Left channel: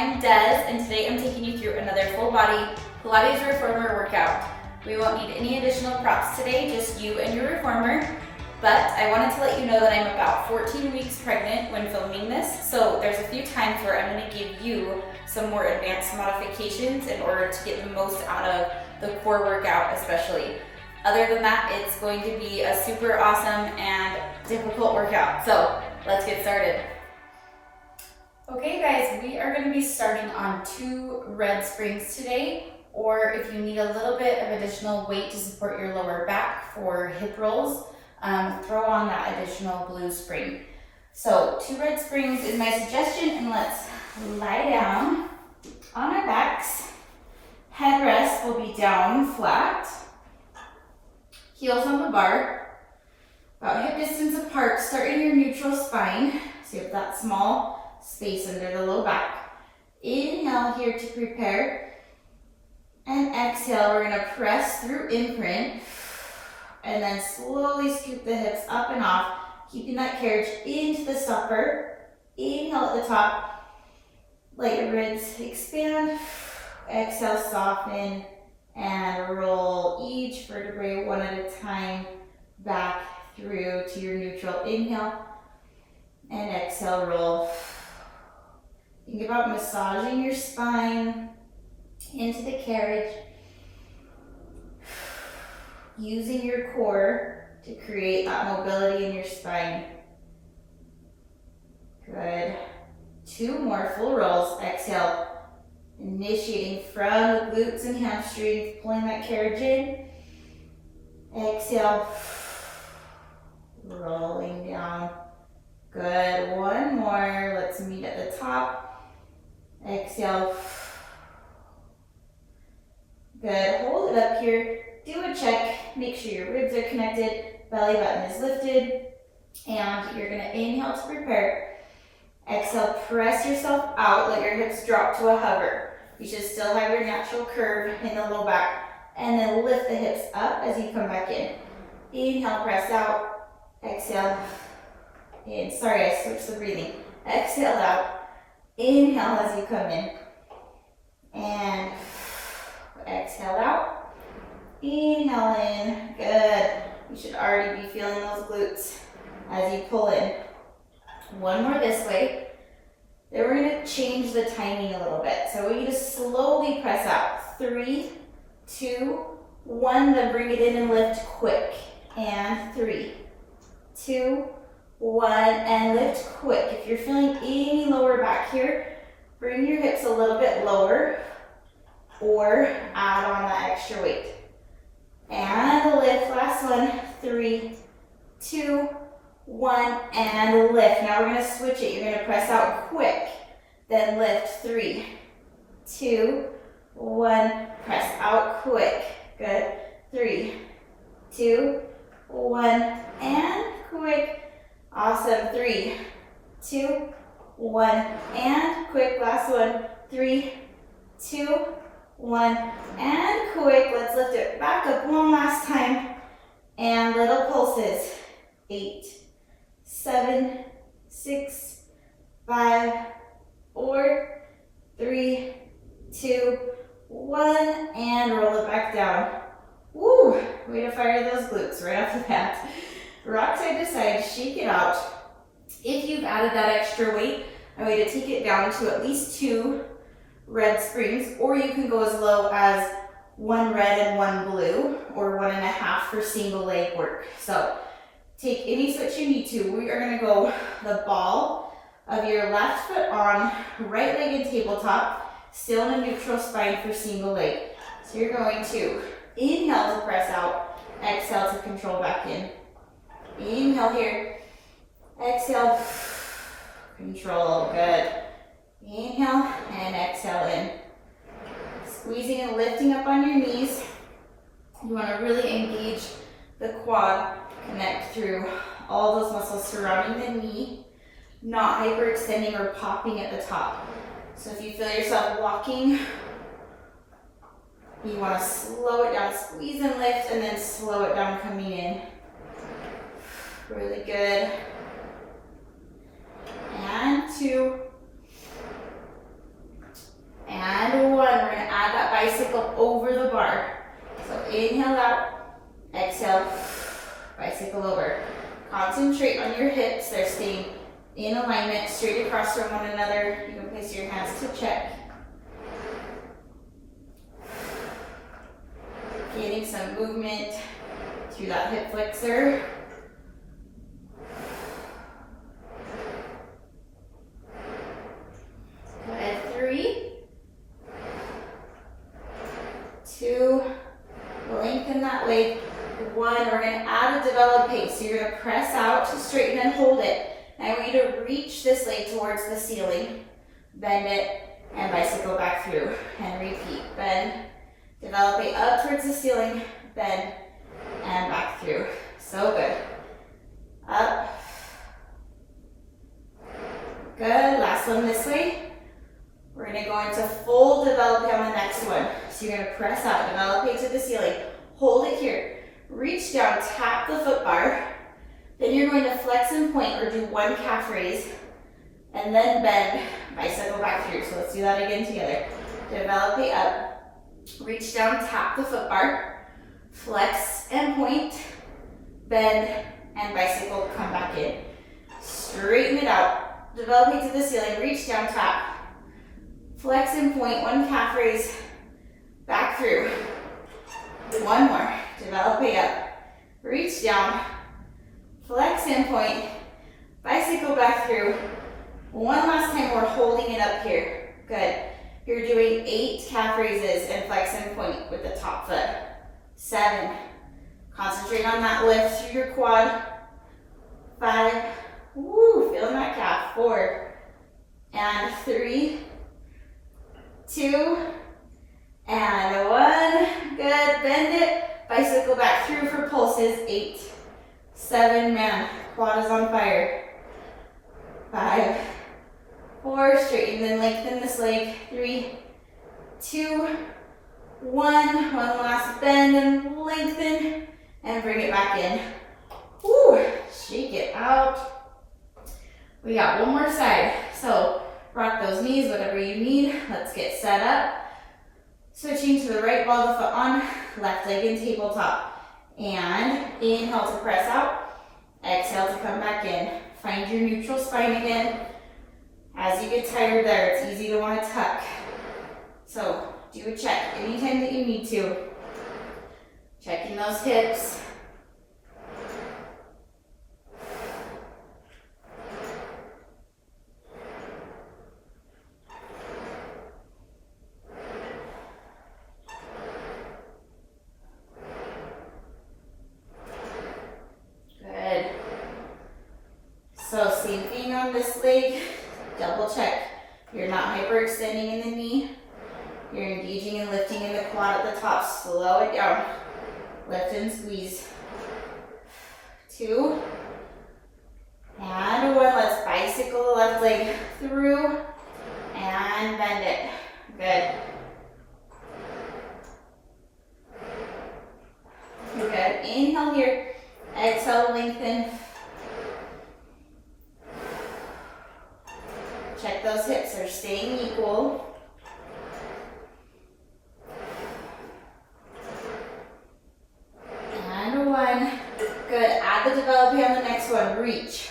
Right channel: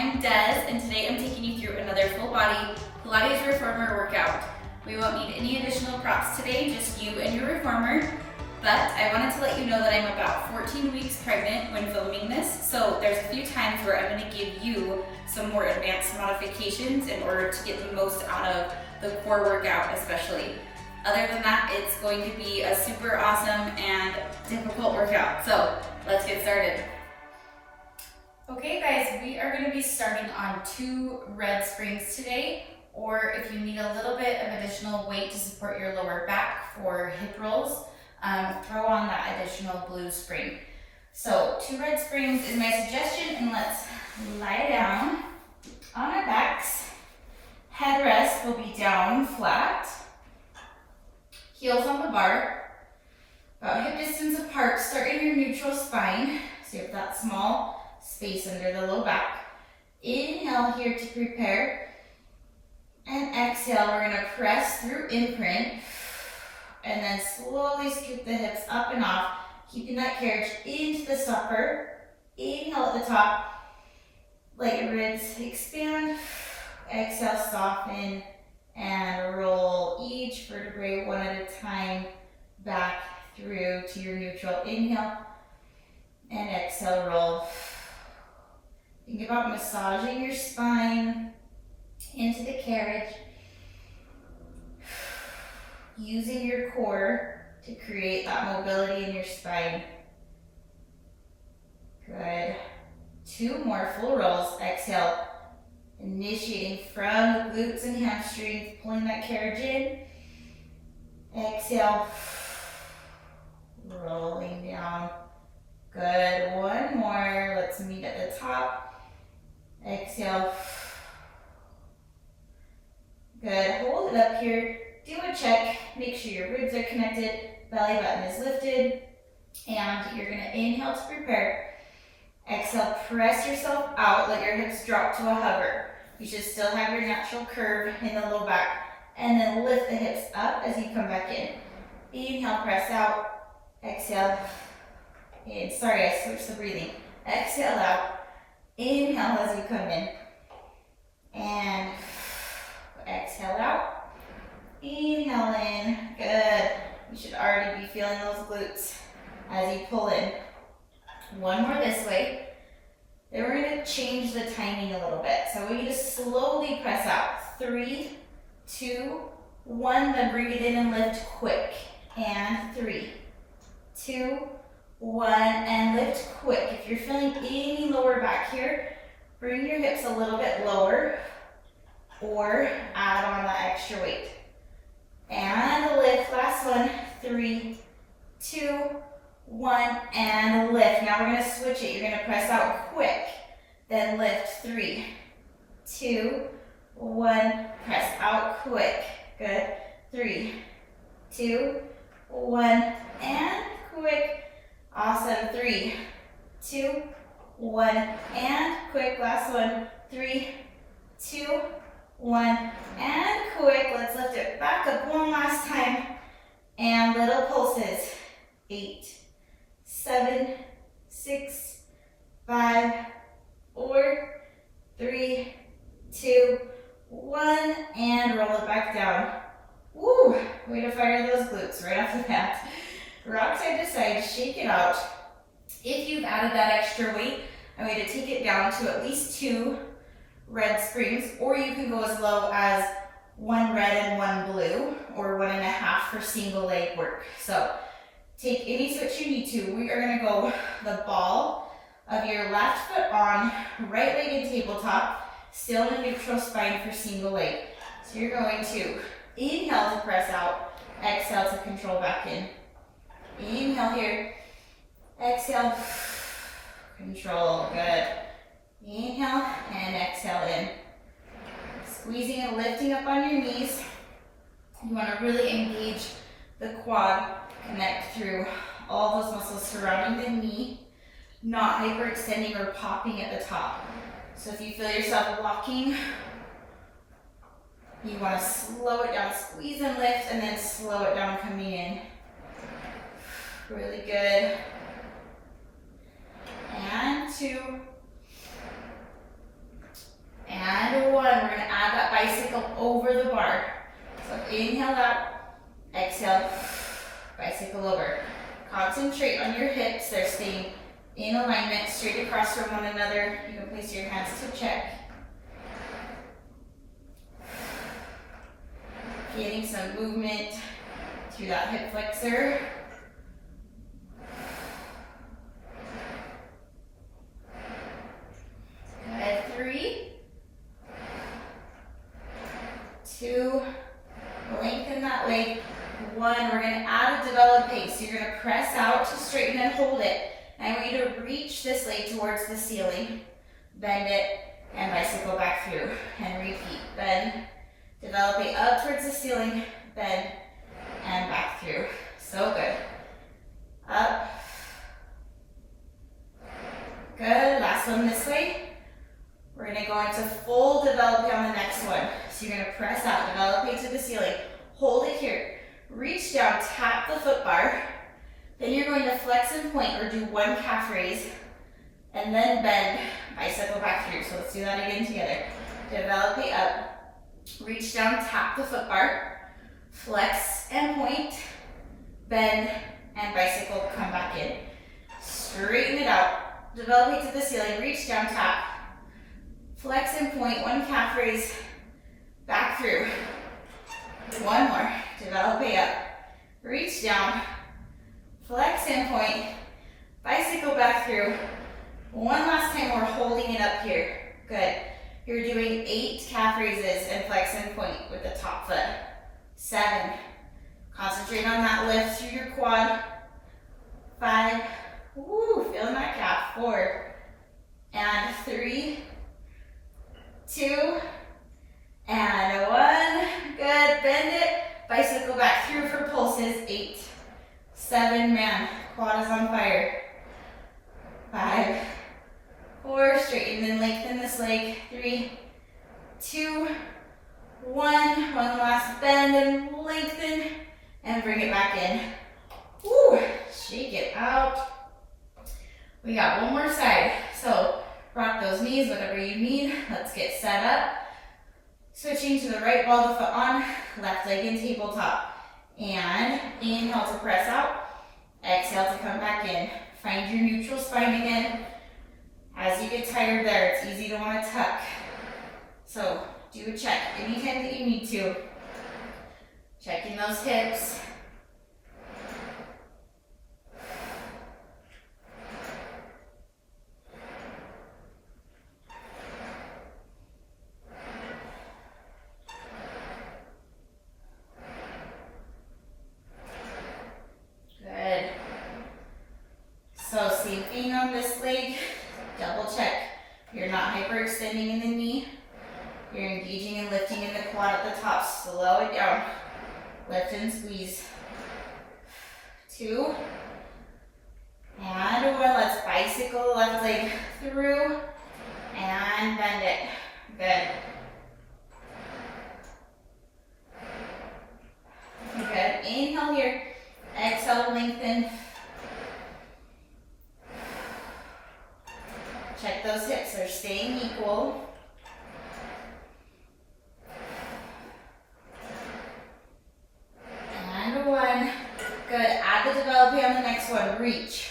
I'm Des, and today I'm taking you through another full body Pilates reformer workout. We won't need any additional props today, just you and your reformer. But I wanted to let you know that I'm about 14 weeks pregnant when filming this, so there's a few times where I'm going to give you some more advanced modifications in order to get the most out of the core workout especially. Other than that, it's going to be a super awesome and difficult workout. So let's get started. Okay guys, we are going to be starting on 2 red springs today, or if you need a little bit of additional weight to support your lower back for hip rolls, throw on that additional blue spring. So 2 red springs is my suggestion, and let's lie down on our backs. Headrest will be down flat, heels on the bar, about hip distance apart. Start in your neutral spine, so you have that small space under the low back. Inhale here to prepare, and exhale, we're gonna press through imprint, and then slowly scoop the hips up and off, keeping that carriage into the stopper. Inhale at the top, let your ribs expand. Exhale, soften, and roll each vertebrae one at a time back through to your neutral. Inhale, and exhale, roll. Think about massaging your spine into the carriage, using your core to create that mobility in your spine. Good. 2 more full rolls. Exhale, initiating from the glutes and hamstrings, pulling that carriage in. Exhale, rolling down. Good. 1 more. Let's meet at the top. Exhale. Good. Hold it up here. Do a check. Make sure your ribs are connected, belly button is lifted, and you're going to inhale to prepare. Exhale, press yourself out. Let your hips drop to a hover. You should still have your natural curve in the low back, and then lift the hips up as you come back in. Inhale, press out. Exhale. And sorry, I switched the breathing. Exhale out. Inhale as you come in. And exhale out. Inhale in. Good. You should already be feeling those glutes as you pull in. 1 more this way. Then we're going to change the timing a little bit. So we need to slowly press out. 3, 2, 1. Then bring it in and lift quick. And 3, 2, 1, and lift quick. If you're feeling any lower back here, bring your hips a little bit lower or add on that extra weight. And lift. Last one. 3, 2, 1, and lift. Now we're going to switch it. You're going to press out quick, then lift. 3, 2, 1, press out quick. Good. 3, 2, 1, and quick. Awesome. 3, 2, 1, and quick. Last one. 3, 2, 1, and quick. Let's lift it back up one last time. And little pulses. 8, 7, 6, 5, 4, 3, 2, 1, and roll it back down. Woo! Way to fire those glutes right off the bat. Rock side to side, shake it out. If you've added that extra weight, I want you to take it down to at least 2 red springs, or you can go as low as 1 red and 1 blue, or 1.5 for single leg work. So take any switch you need to. We are going to go the ball of your left foot on, right leg in tabletop, still in a neutral spine for single leg. So you're going to inhale to press out, exhale to control back in. Inhale here, exhale, control. Good. Inhale and exhale in. Squeezing and lifting up on your knees. You want to really engage the quad, connect through all those muscles surrounding the knee, not hyperextending or popping at the top. So if you feel yourself blocking, you want to slow it down, squeeze and lift, and then slow it down coming in. Really good. And 2, straight on your hips. They're staying in alignment, straight across from one another. You can place your hands to check. Feeling some movement through that hip flexor. Good. 3, 2, lengthen that leg. 1, we're going to add a developed pace. So you're going to press out to straighten and hold it. And I want you to reach this leg towards the ceiling. Bend it and bicycle back through. And repeat. Bend, develop it up towards the ceiling, bend, and back through. So good. Up. Good. Last one this way. We're going to go into full developing on the next one. So you're going to press out, develop it to the ceiling. Hold it here. Reach down, tap the foot bar. Then you're going to flex and point or do 1 calf raise. And then bend, bicycle back through. So let's do that again together. Develop it up. Reach down, tap the foot bar. Flex and point. Bend and bicycle, come back in. Straighten it out. Develop it to the ceiling. Reach down, tap. Flex and point, 1 calf raise. Back through. 1 more. Develop it up. Reach down. Flex and point. Bicycle back through. 1 last time, we're holding it up here. Good. You're doing 8 calf raises and flex and point with the top foot. 7. Concentrate on that lift through your quad. 5. Woo, feeling that calf. 4. And 3. 2. And 1. Good. Bend it. Bicycle back through for pulses. 8. 7. Man, quad is on fire. 5. 4. Straighten and lengthen this leg. 3, 2, 1. One last bend and lengthen. And bring it back in. Woo. Shake it out. We got one more side. So rock those knees, whatever you need. Let's get set up. Switching to the right ball of the foot on, left leg in tabletop. And inhale to press out. Exhale to come back in. Find your neutral spine again. As you get tired there, it's easy to want to tuck. So do a check anytime that you need to. Checking those hips. So same thing on this leg, double check. You're not hyperextending in the knee. You're engaging and lifting in the quad at the top. Slow it down. Lift and squeeze. 2. And 1. Let's bicycle left leg through and bend it. Good. Good. Inhale here. Exhale, lengthen. Check those hips are staying equal. And 1. Good. Add the develop on the next one. Reach.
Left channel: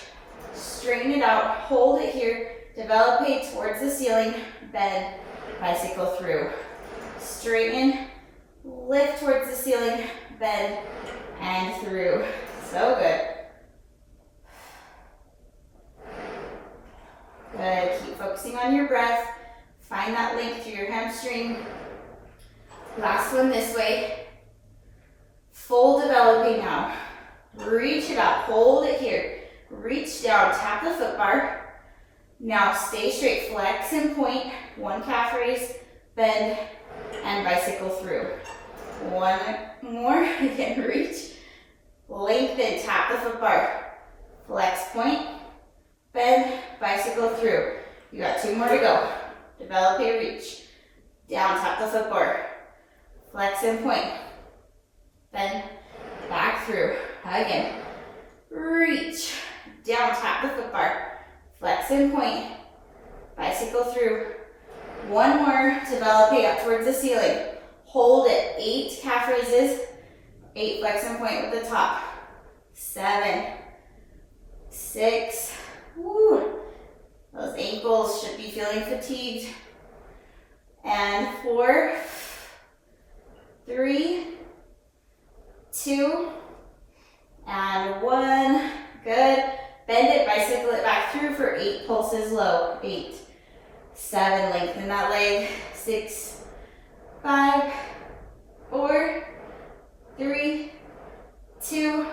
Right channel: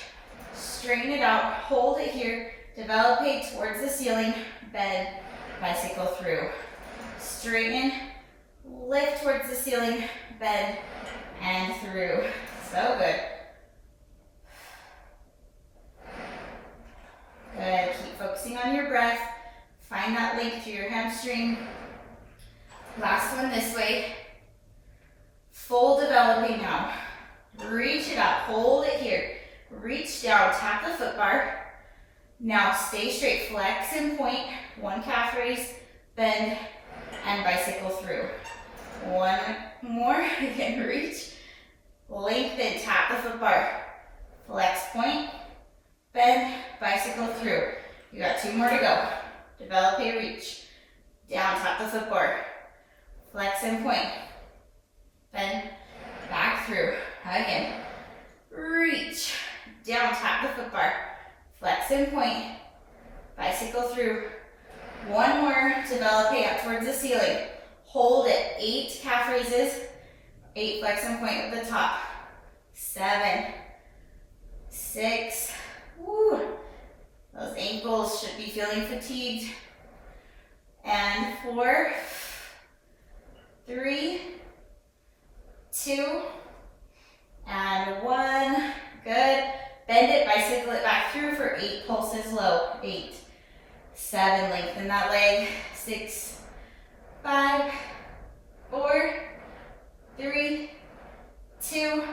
Straighten it out. Hold it here. Develop it towards the ceiling. Bend. Bicycle through. Straighten. Lift towards the ceiling. Bend. And through. So good. Good. Keep focusing on your breath. Find that length through your hamstring. Last one this way. Full developing now. Reach it up. Hold it here. Reach down. Tap the foot bar. Now stay straight. Flex and point. 1 calf raise. Bend. And bicycle through. 1 more. Again, reach. Lengthen. Tap the foot bar. Flex, point. Bend, bicycle through. You got 2 more to go. Develop a reach. Down, tap the foot bar. Flex and point. Bend, back through. Again. Reach. Down, tap the foot bar. Flex and point. Bicycle through. 1 more. Develop it up towards the ceiling. Hold it. 8 calf raises. 8 flex and point with the top. 7. 6. Woo. Those ankles should be feeling fatigued. And 4, 3, 2, and 1. Good. Bend it, bicycle it back through for 8 pulses low. 8, 7, lengthen that leg. 6, 5, 4, 3, 2,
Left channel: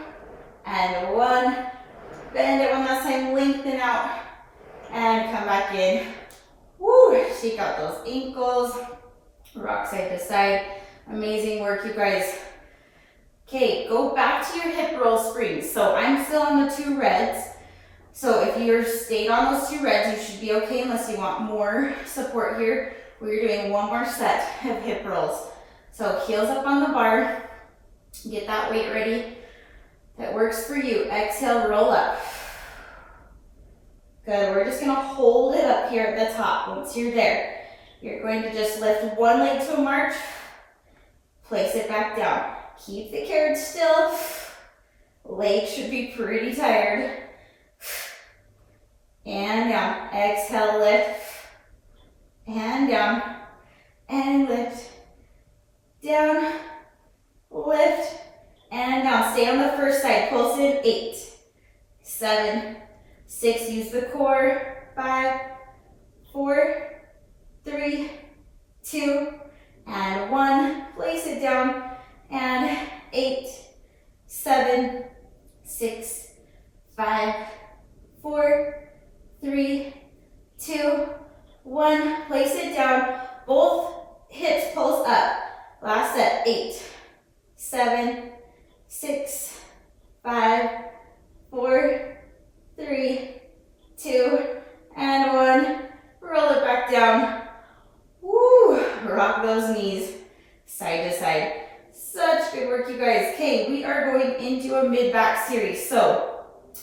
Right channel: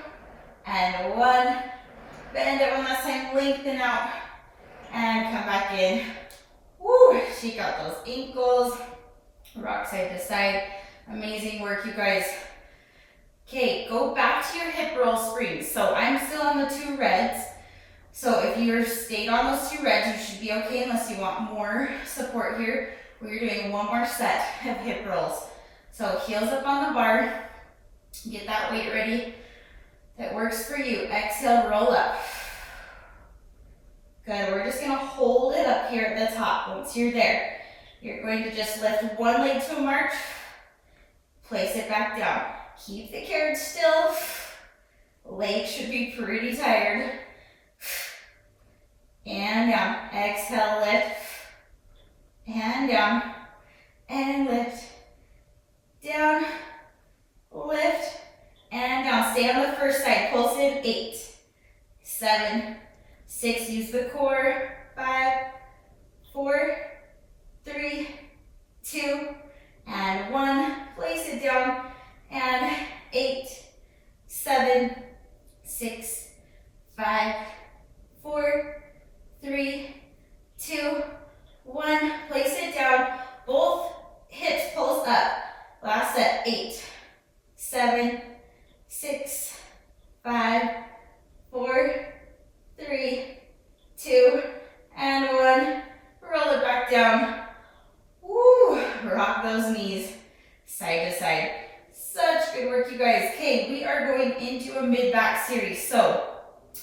and 1. Bend it one last time, lengthen out, and come back in. Woo, shake out those ankles, rock side to side. Amazing work, you guys. Okay, go back to your hip roll springs. So I'm still on the 2 reds. So if you're stayed on those 2 reds, you should be okay unless you want more support here. We're doing one more set of hip rolls. So heels up on the bar, get that weight ready. That works for you. Exhale, roll up. Good, we're just gonna hold it up here at the top. Once you're there, you're going to just lift one leg to a march, place it back down. Keep the carriage still. Legs should be pretty tired. And down. Exhale, lift. And down. And lift. Down. Lift. And down. Stay on the first side. Pulse in. 8, 7, 6. Use the core. 5, 4, 3, 2, and 1. Place it down. And 8, 7, 6, 5, 4, 3, 2, 1. Place it down. Both hips pulse up. Last set. 8, 7, 6, 5, 4, 3, 2, and 1. Roll it back down. Woo! Rock those knees side to side. Such good work, you guys. Okay, we are going into a mid-back series. So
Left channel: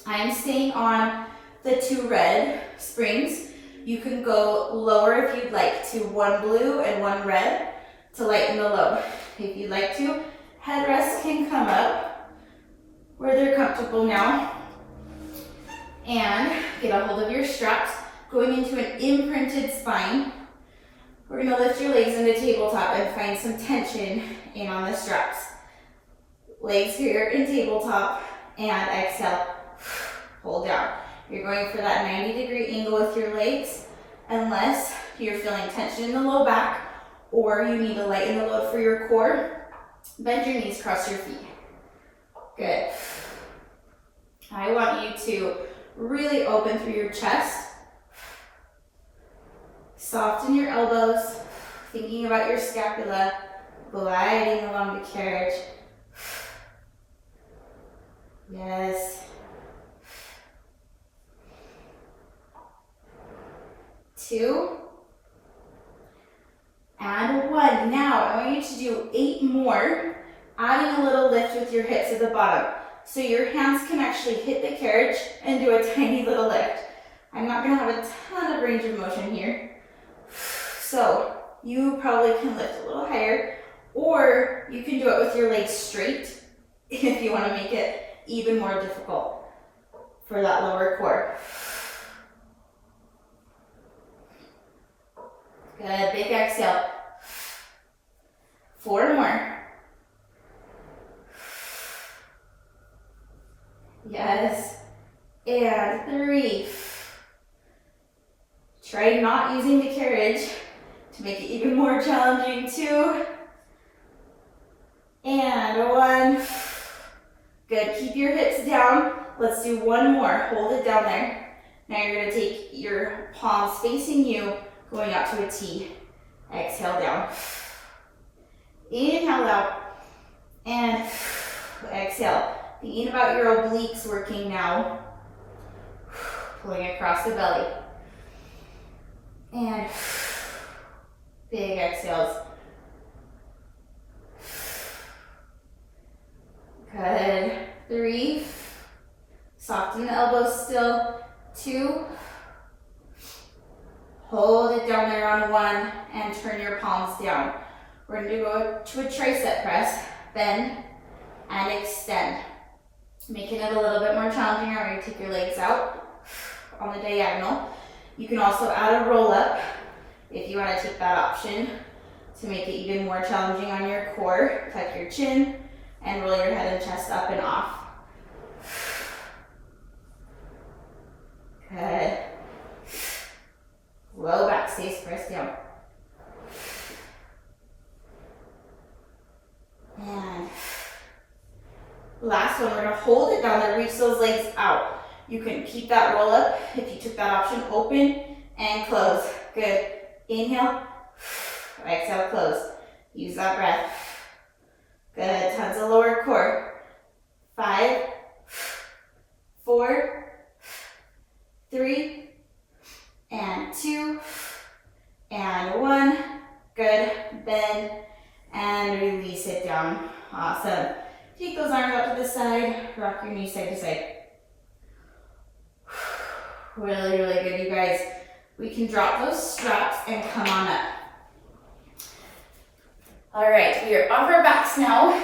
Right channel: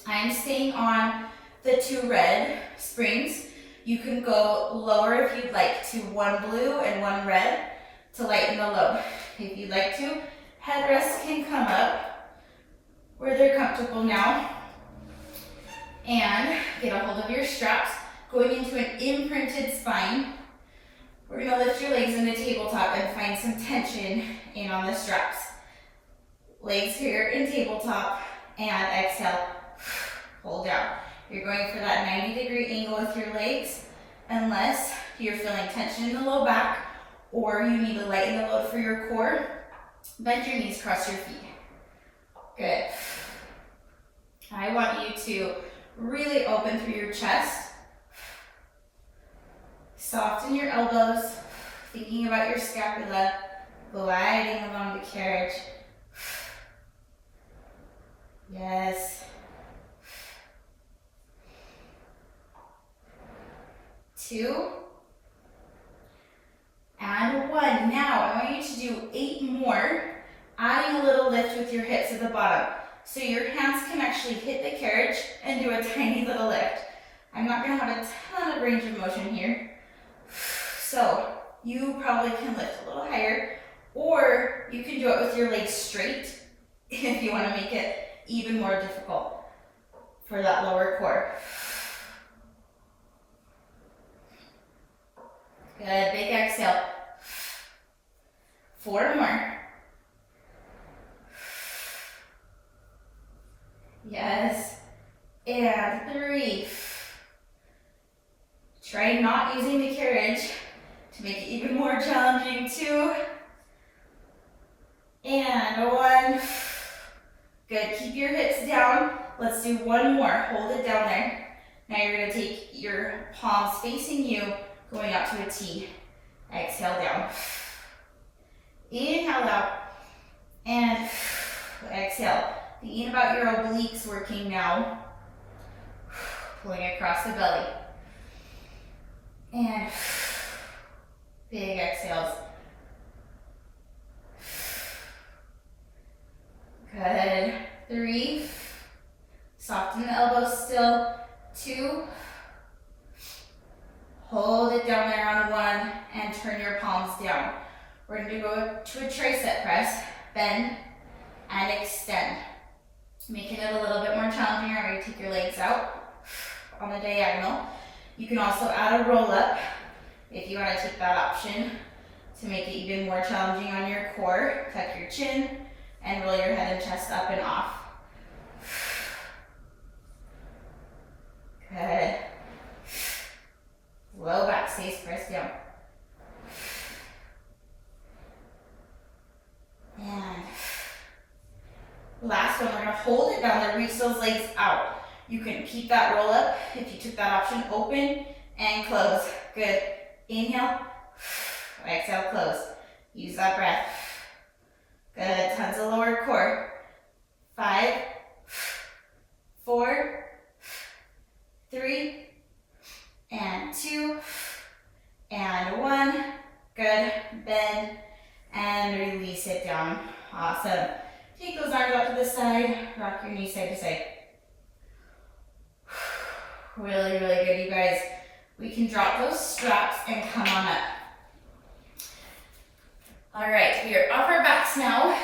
I'm staying on the 2 red springs. You can go lower if you'd like to 1 blue and 1 red to lighten the load. If you'd like to, headrests can come up where they're comfortable now. And get a hold of your straps. Going into an imprinted spine. We're gonna lift your legs into tabletop and find some tension in on the straps. Legs here in tabletop and exhale, hold down. You're going for that 90-degree angle with your legs unless you're feeling tension in the low back or you need to lighten the load for your core. Bend your knees, cross your feet. Good. I want you to really open through your chest. Soften your elbows, thinking about your scapula, gliding along the carriage. Yes. 2. And 1. Now, I want you to do 8 more, adding a little lift with your hips at the bottom. So your hands can actually hit the carriage and do a tiny little lift. I'm not gonna have a ton of range of motion here. So you probably can lift a little higher, or you can do it with your legs straight if you want to make it even more difficult for that lower core. Good, big exhale. 4 more. Yes, and 3. Try not using the carriage to make it even more challenging. 2, and 1. Good, keep your hips down. Let's do 1 more, hold it down there. Now you're gonna take your palms facing you, going out to a T. Exhale down. Inhale out, and exhale. Thinking about your obliques working now. Pulling across the belly. And big exhales. Good. 3. Soften the elbows still. 2. Hold it down there on 1 and turn your palms down. We're going to go to a tricep press. Bend and extend. Making it a little bit more challenging, or you take your legs out on the diagonal. You can also add a roll up if you want to take that option to make it even more challenging on your core. Tuck your chin and roll your head and chest up and off. Good. Low back stays pressed down. And last one, we're gonna hold it down there, reach those legs out. You can keep that roll up if you took that option, open and close. Good. Inhale, exhale, close. Use that breath. Good, tons of lower core. 5, 4, 3, and 2, and 1. Good, bend, and release it down. Awesome. Take those arms out to the side, rock your knees side to side. Really, really good, you guys. We can drop those straps and come on up. All right, we are off our backs now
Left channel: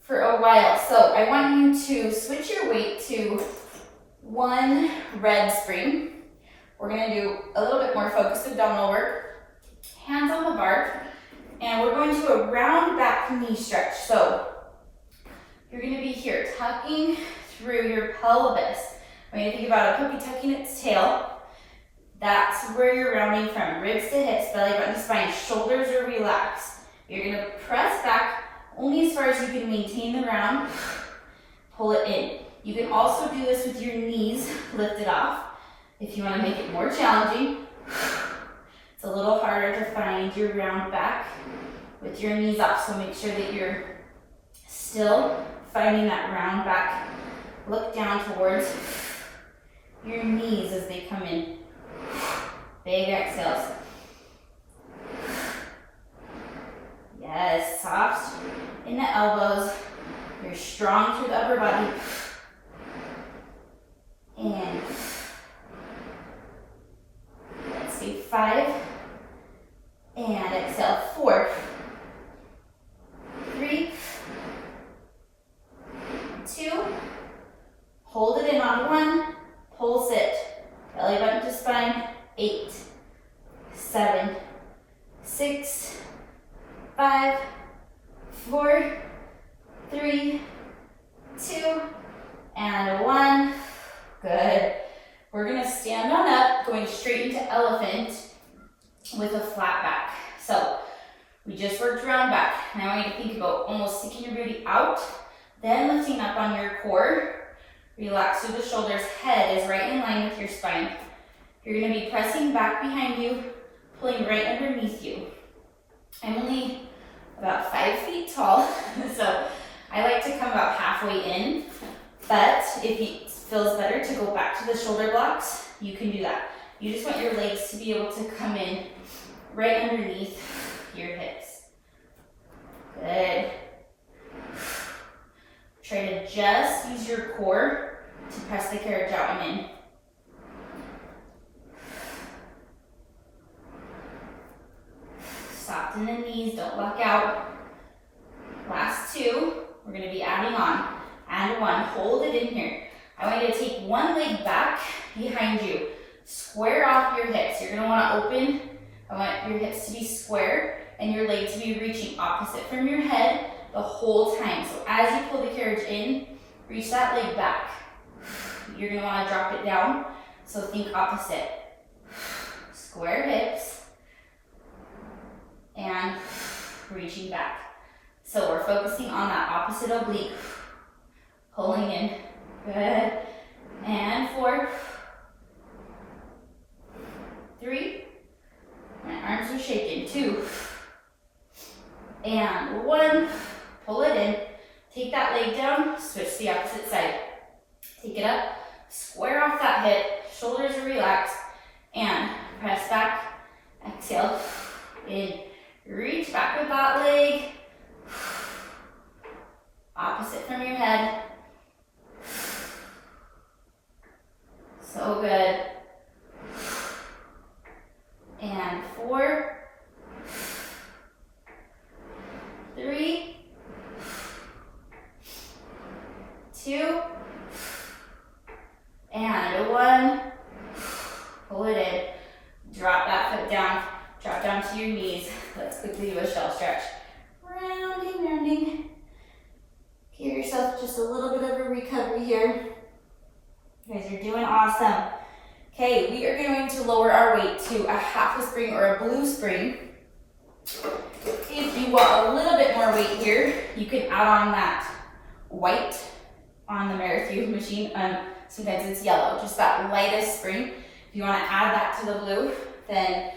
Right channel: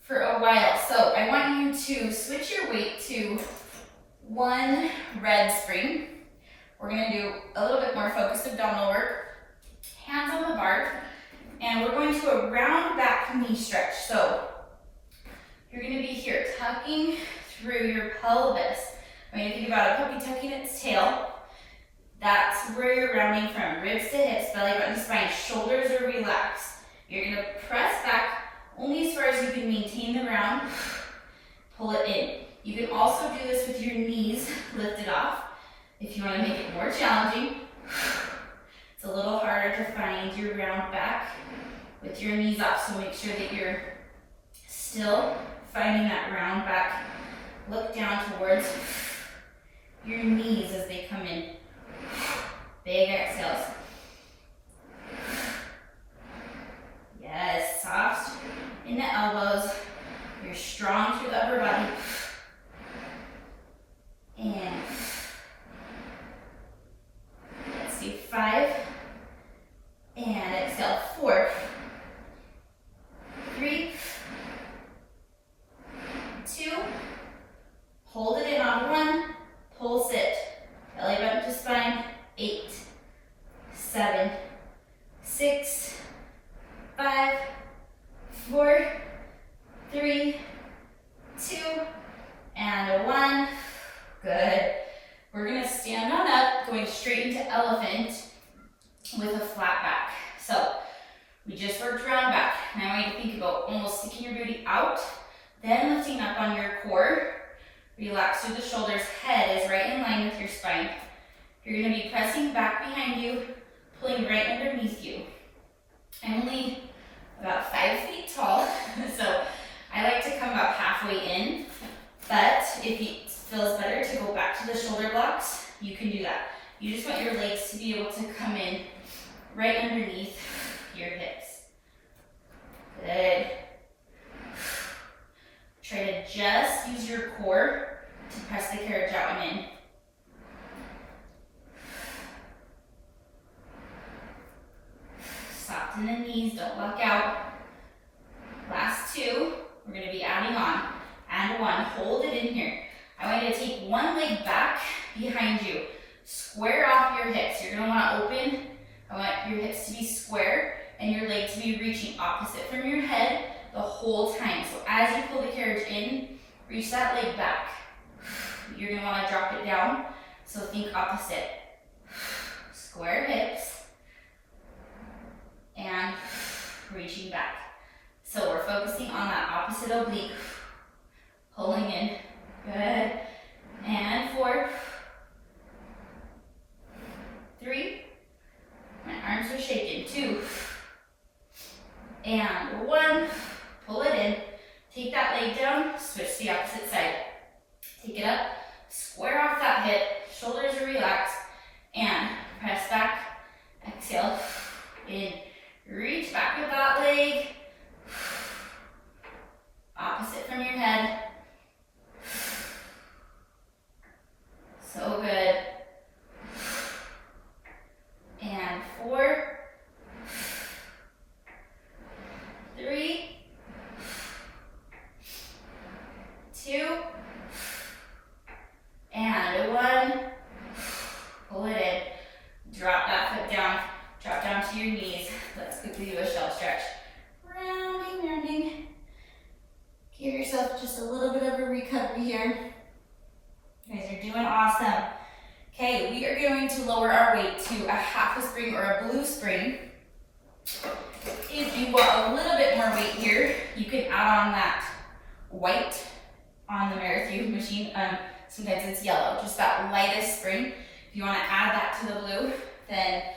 for a while. So I want you to switch your weight to one red spring. We're gonna do a little bit more focused abdominal work. Hands on the bar, and we're going to a round back knee stretch. So you're gonna be here tucking through your pelvis. When you think about a puppy tucking its tail, that's where you're rounding from. Ribs to hips, belly button to spine, shoulders are relaxed. You're gonna press back only as far as you can maintain the round. Pull it in. You can also do this with your knees lifted off if you wanna make it more challenging. It's a little harder to find your round back with your knees off, so make sure that you're still finding that round back. Look down towards your knees as they come in. Big exhales. Yes, soft in the elbows. You're strong through the upper body. And let's do 5. And exhale, 4, 3, 2. Hold it in on 1. Pulse it. Belly button to spine. 8, 7, 6, 5, 4, 3, 2, and 1. Good. We're gonna stand on up, going straight into elephant with a flat back. So we just worked round back. Now I want you to think about almost sticking your booty out, then lifting up on your core. Relax through the shoulders. Head is right in line with your spine. You're gonna be pressing back behind you, pulling right underneath you. I'm only about 5 feet tall, so I like to come about halfway in, but if it feels better to go back to the shoulder blocks, you can do that. You just want your legs to be able to come in right underneath your hips. Good. Try to just use your core to press the carriage out and in. Soften the knees, don't lock out. Last 2, we're gonna be adding on. And 1, hold it in here. I want you to take one leg back behind you. Square off your hips. You're gonna wanna open. I want your hips to be square and your leg to be reaching opposite from your head the whole time. So as you pull the carriage in, reach that leg back. You're gonna wanna drop it down. So think opposite. Square hips and reaching back. So we're focusing on that opposite oblique. Pulling in. Good. And 4, 3. My arms are shaking. 2. And 1. Pull it in. Take that leg down. Switch the opposite side. Take it up. Square off that hip. Shoulders are relaxed. And press back. Exhale. In. Reach back with that leg. Opposite from your head. So good. And 4, 3, 2, one. Pull it in. Drop that foot down. Drop down to your knees. Let's quickly do a shell stretch. Rounding, rounding. Give yourself just a little bit of a recovery here. You guys are doing awesome. Okay, we are going to lower our weight to a half a spring or a blue spring. If you want a little bit more weight here, you can add on that white on the Marathon machine. Sometimes it's yellow, just that lightest spring. If you want to add that to the blue, then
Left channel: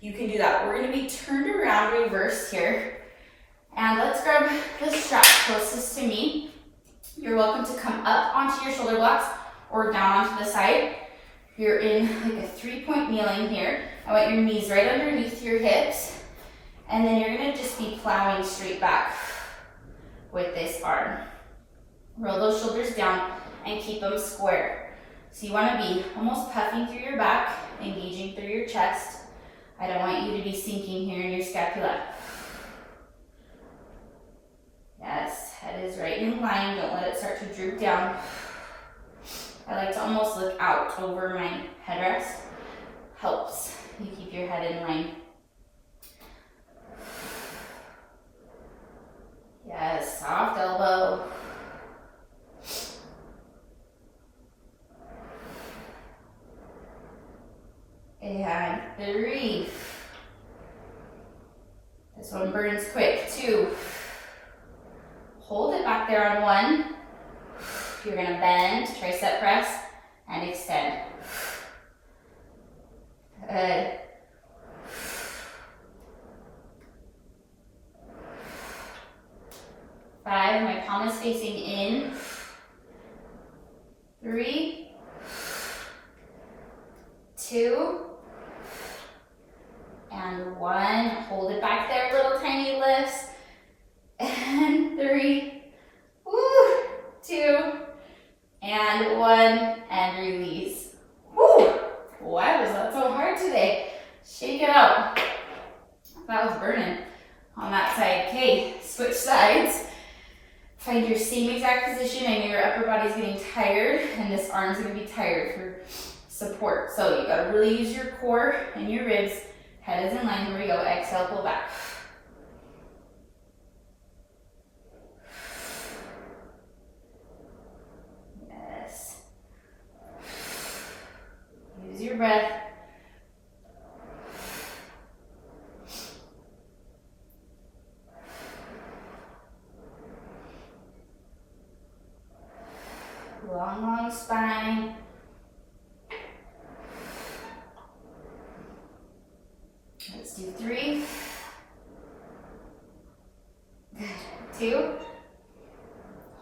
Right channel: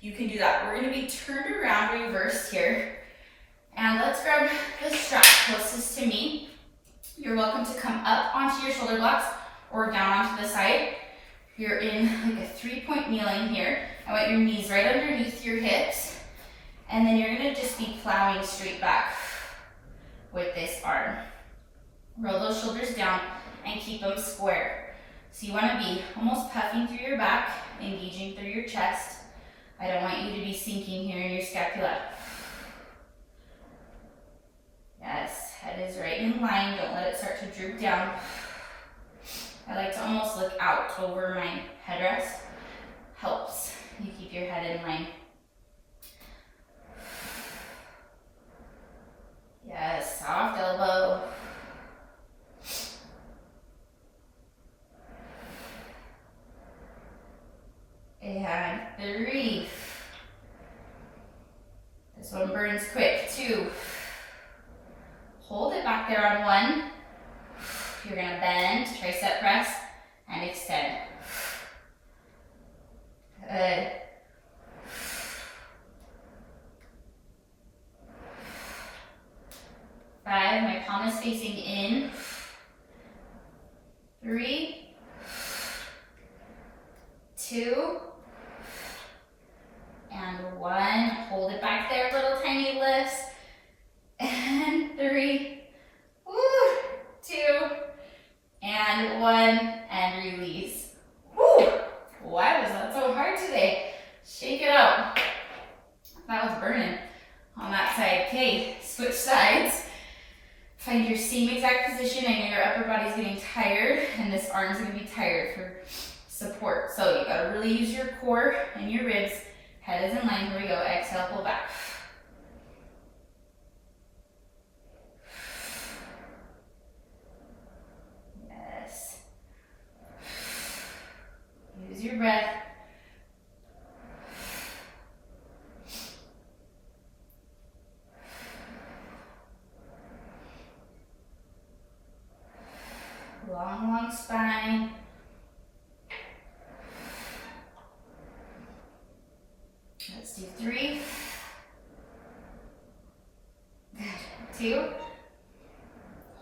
you can do that. We're going to be turned around reverse here. And let's grab the strap closest to me. You're welcome to come up onto your shoulder blocks or down onto the side. You're in like a 3-point kneeling here. I want your knees right underneath your hips. And then you're going to just be plowing straight back with this arm. Roll those shoulders down and keep them square. So you want to be almost puffing through your back, engaging through your chest. I don't want you to be sinking here in your scapula. Yes, head is right in line. Don't let it start to droop down. I like to almost look out over my headrest. Helps you keep your head in line. Yes, soft elbow. And 3. This one burns quick. 2. Hold it back there on 1. You're going to bend, tricep press, and extend. Good. 5, my palm is facing in. 3, 2, and 1. Hold it back there, little tiny lifts. And 3, 2, and 1, and release. Woo! Why was that so hard today? Shake it out. That was burning on that side. Okay, switch sides. Find your same exact position. I know your upper body's getting tired, and this arm's gonna be tired for support. So you gotta really use your core and your ribs. Head is in line. Here we go. Exhale, pull back. Yes. Use your breath. Long, long spine. Let's do 3. Good. 2.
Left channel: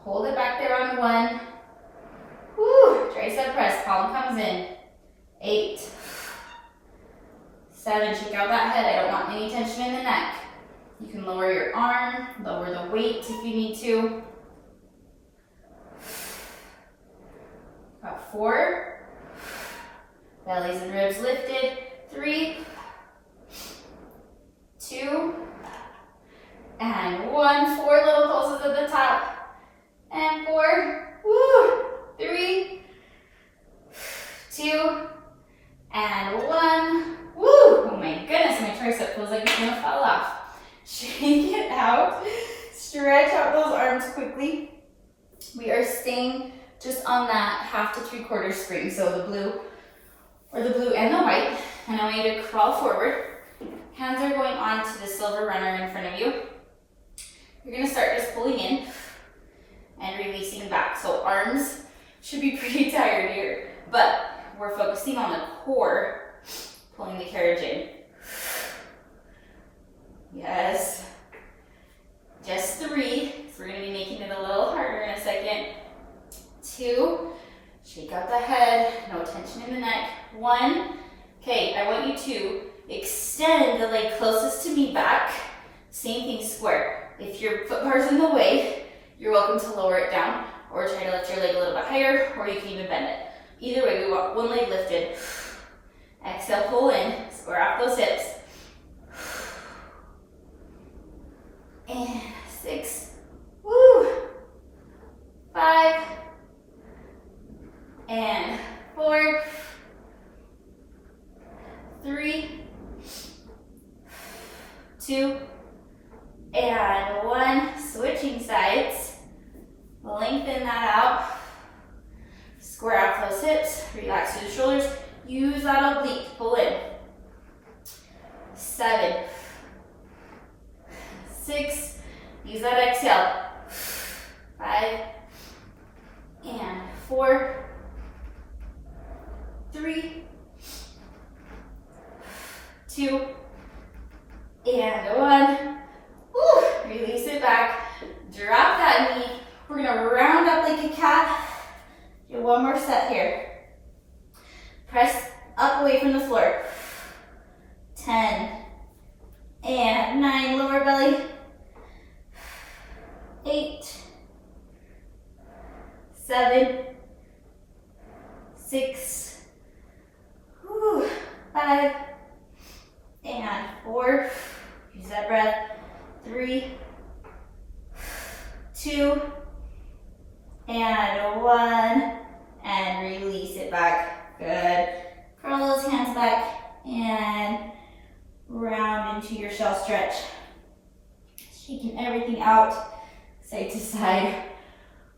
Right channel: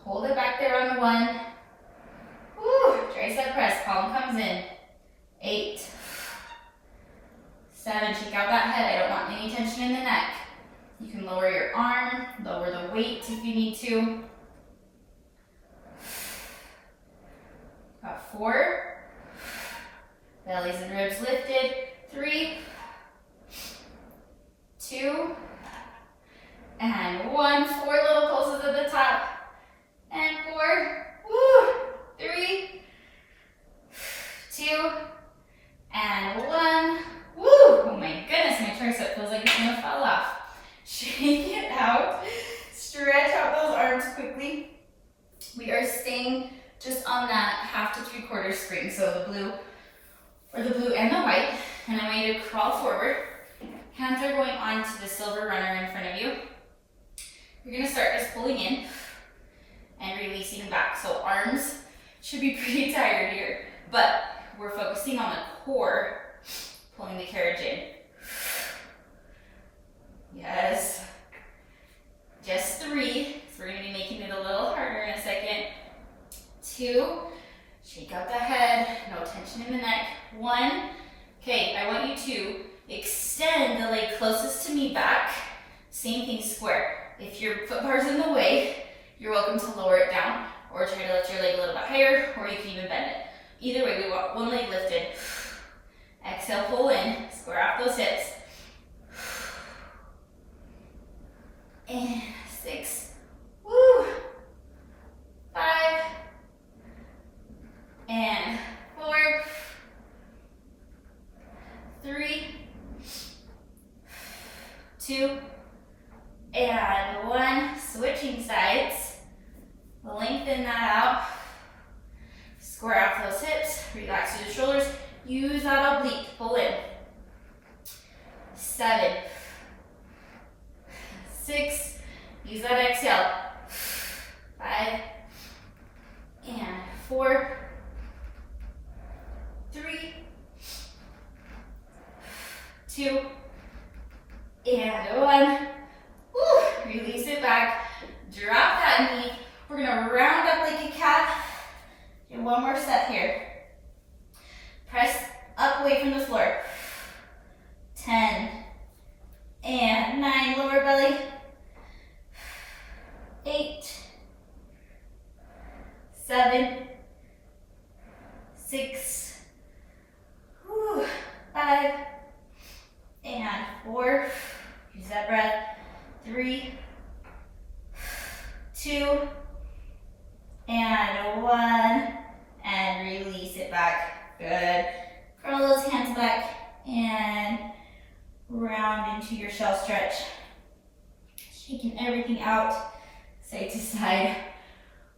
Hold it back there on 1. Woo! Tricep press. Palm comes in. 8. 7. Shake out that head. I don't want any tension in the neck. You can lower your arm, lower the weight if you need to. Got 4. Bellies and ribs lifted. 3, 2, and 1. 4 little pulses at the top. And 4. Woo! 3, 2, and 1. Woo! Oh my goodness, my tricep feels like it's gonna fall off. Shake it out. Stretch out those arms quickly. We are staying just on that half to 3/4 spring. So the blue and the white. And I want you to crawl forward. Hands are going on to the silver runner in front of you. You're gonna start just pulling in and releasing back. So arms should be pretty tired here, but we're focusing on the core, pulling the carriage in. Yes. Just 3. So we're gonna be making it a little harder in a second. 2. Shake out the head, no tension in the neck. 1. Okay, I want you to extend the leg closest to me back. Same thing, square. If your foot bar's in the way, you're welcome to lower it down or try to lift your leg a little bit higher, or you can even bend it. Either way, we want one leg lifted. Exhale, pull in, square off those hips. And 6. Woo! 5. And 4. Use that oblique, pull in. 7, 6, use that exhale. 5, and 4, 3, 2, and 1. Woo, release it back. Drop that knee. We're gonna round up like a cat. Do one more set here. Press up away from the floor. 10, and 9, lower belly. 8, 7, 6, 5, and 4. Use that breath. 3, 2, and 1, and release it back. Good. Curl those hands back and round into your shell stretch. Shaking everything out, side to side.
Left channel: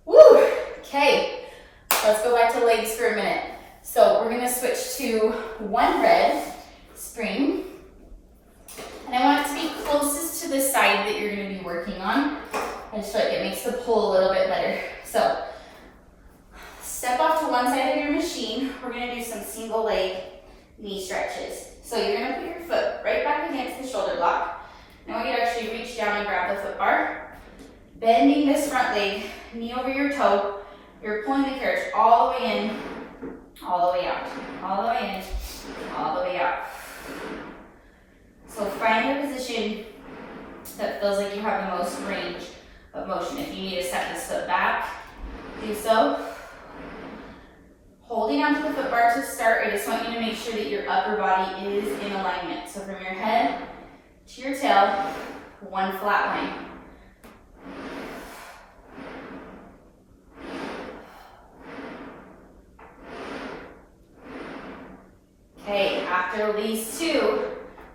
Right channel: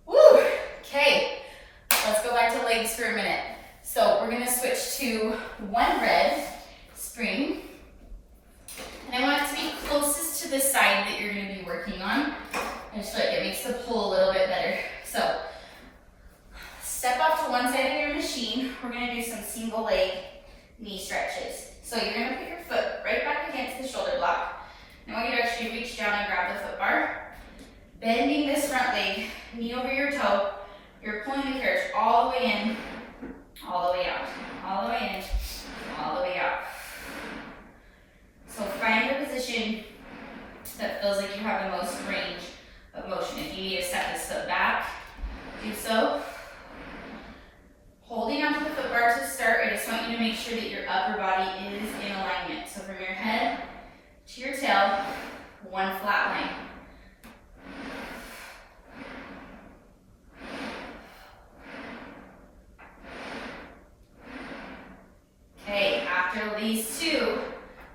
Woo! Okay, let's go back to legs for a minute. So we're gonna switch to one red spring. And I want it to be closest to the side that you're gonna be working on. I just feel like it makes the pull a little bit better. So step off to one side of your machine. We're gonna do some single leg knee stretches. So you're gonna put your foot right back against the shoulder block. Now I want you to actually reach down and grab the foot bar. Bending this front leg, knee over your toe. You're pulling the carriage all the way in, all the way out, all the way in, all the way out. So find a position that feels like you have the most range of motion. If you need to set this foot back, do so. Holding onto the foot bar to start, I just want you to make sure that your upper body is in alignment. So from your head to your tail, one flat line. Okay, after these two,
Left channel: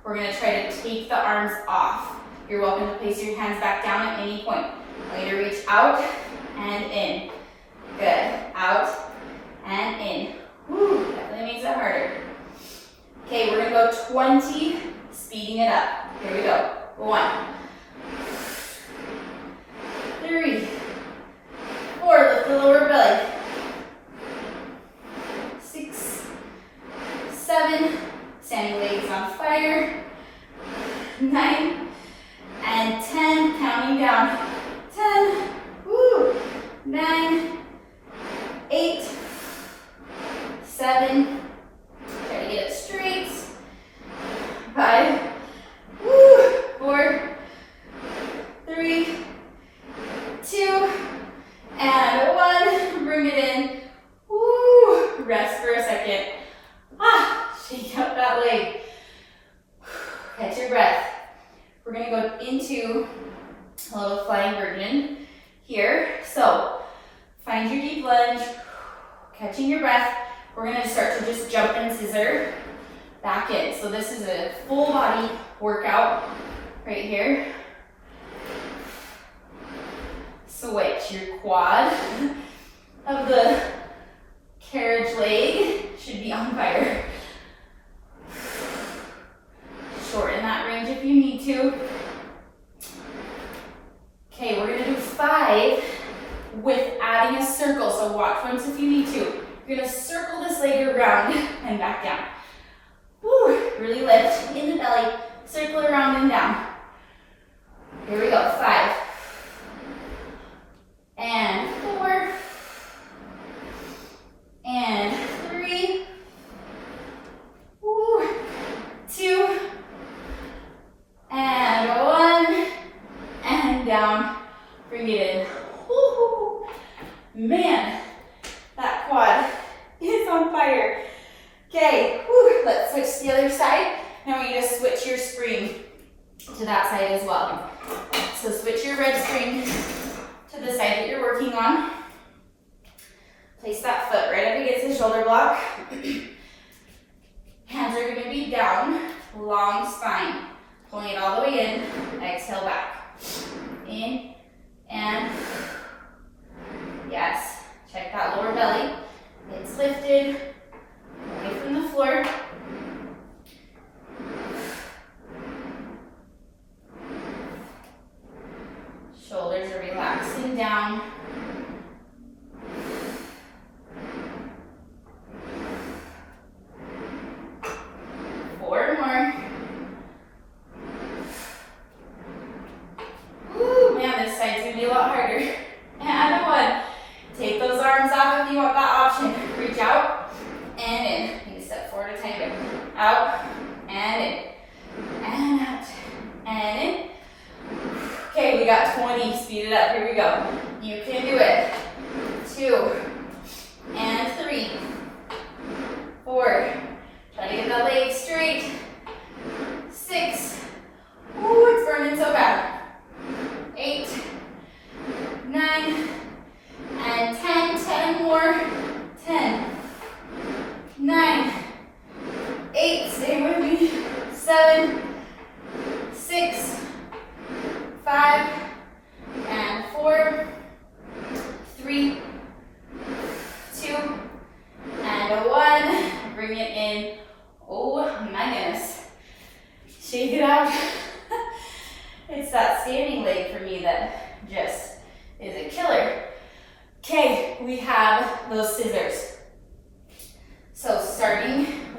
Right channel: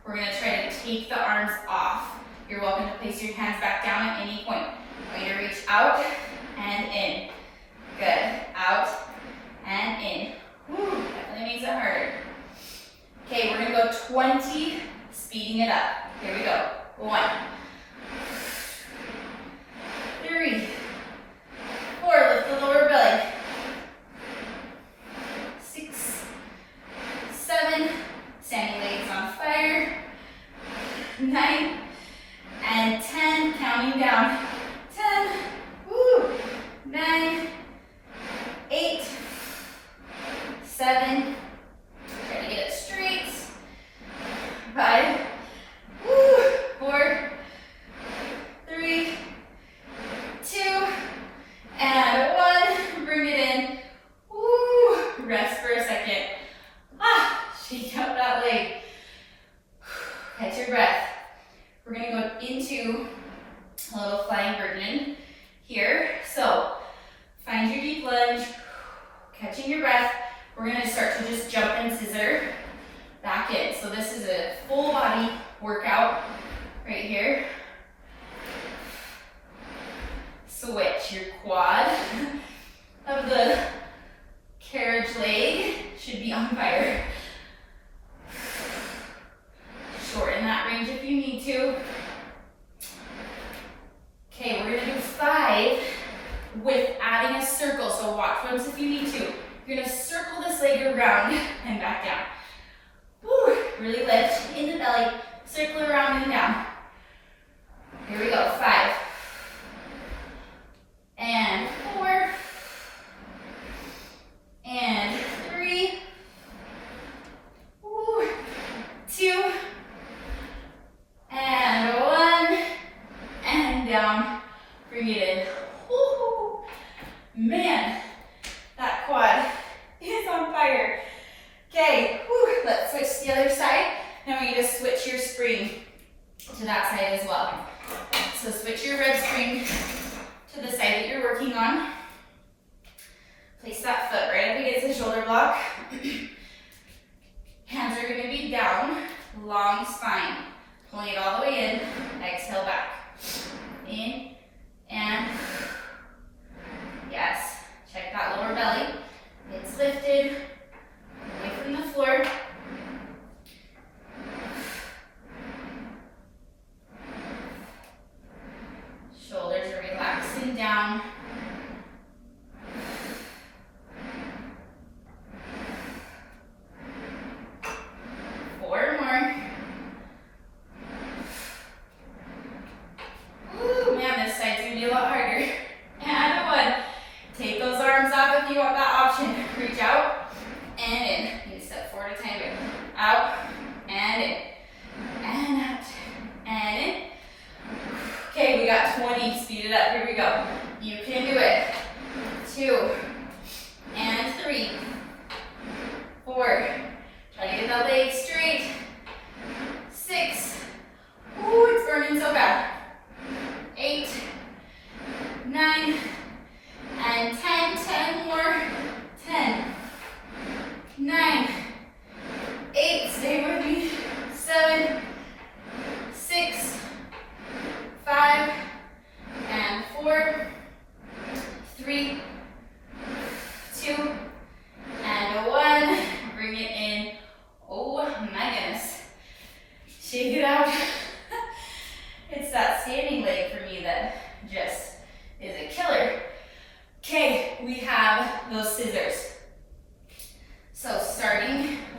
we're gonna try to take the arms off. You're welcome to place your hands back down at any point. I want you to reach out and in. Good, out and in. Woo, definitely makes it harder. Okay, we're gonna go 20, speeding it up. Here we go. 1, 3, 4, lift the lower belly. 6, 7, standing legs on fire. 9, and 10, counting down. 10, woo, 9, 8, 7, try to get it straight. 5, woo, 4, 3, 2, and 1. Bring it in. Woo, rest for a second. Shake up that leg. Catch your breath. We're gonna go into a little flying version here. So find your deep lunge, catching your breath. We're gonna start to just jump and scissor back in. So this is a full body workout right here. Switch your quad of the carriage leg should be on fire. Shorten that range if you need to. Okay, we're gonna do 5 with adding a circle. So watch once if you need to. You're gonna circle this leg around and back down. Woo, really lift in the belly, circle around and down. Here we go, 5. And 4. And 3. Woo, 2. And 1, and down, bring it in. Woo-hoo. Man, that quad is on fire. Okay, let's switch to the other side. Now I want you to switch your spring to that side as well. So switch your red spring to the side that you're working on. Place that foot right up against the shoulder block. Hands are gonna be down, long spine. Pulling it all the way in, exhale back. In, and, yes. Check that lower belly. It's lifted, away from the floor.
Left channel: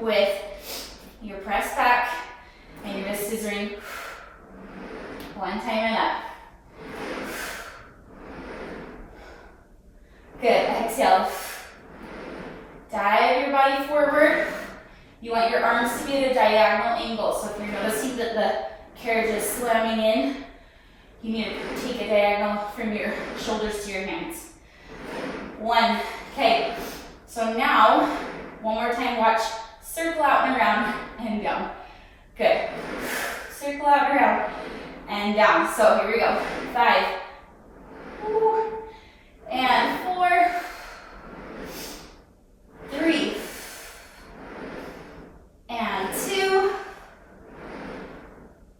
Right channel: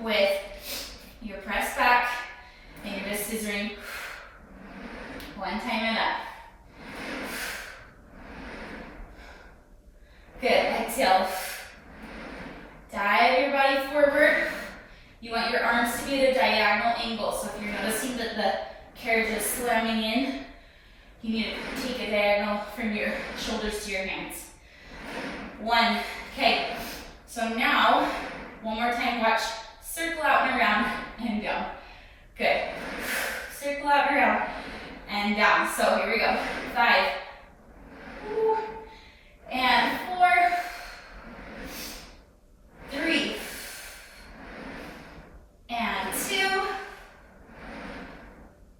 with your press back and your wrist scissoring. One time and up. Good, exhale. Dive your body forward. You want your arms to be at a diagonal angle. So if you're noticing that the carriage is slamming in, you need to take a diagonal from your shoulders to your hands. One, okay. So now, one more time, watch, circle out and around and down. Good. Circle out and around and down. So here we go. 5, and 4, 3, and 2,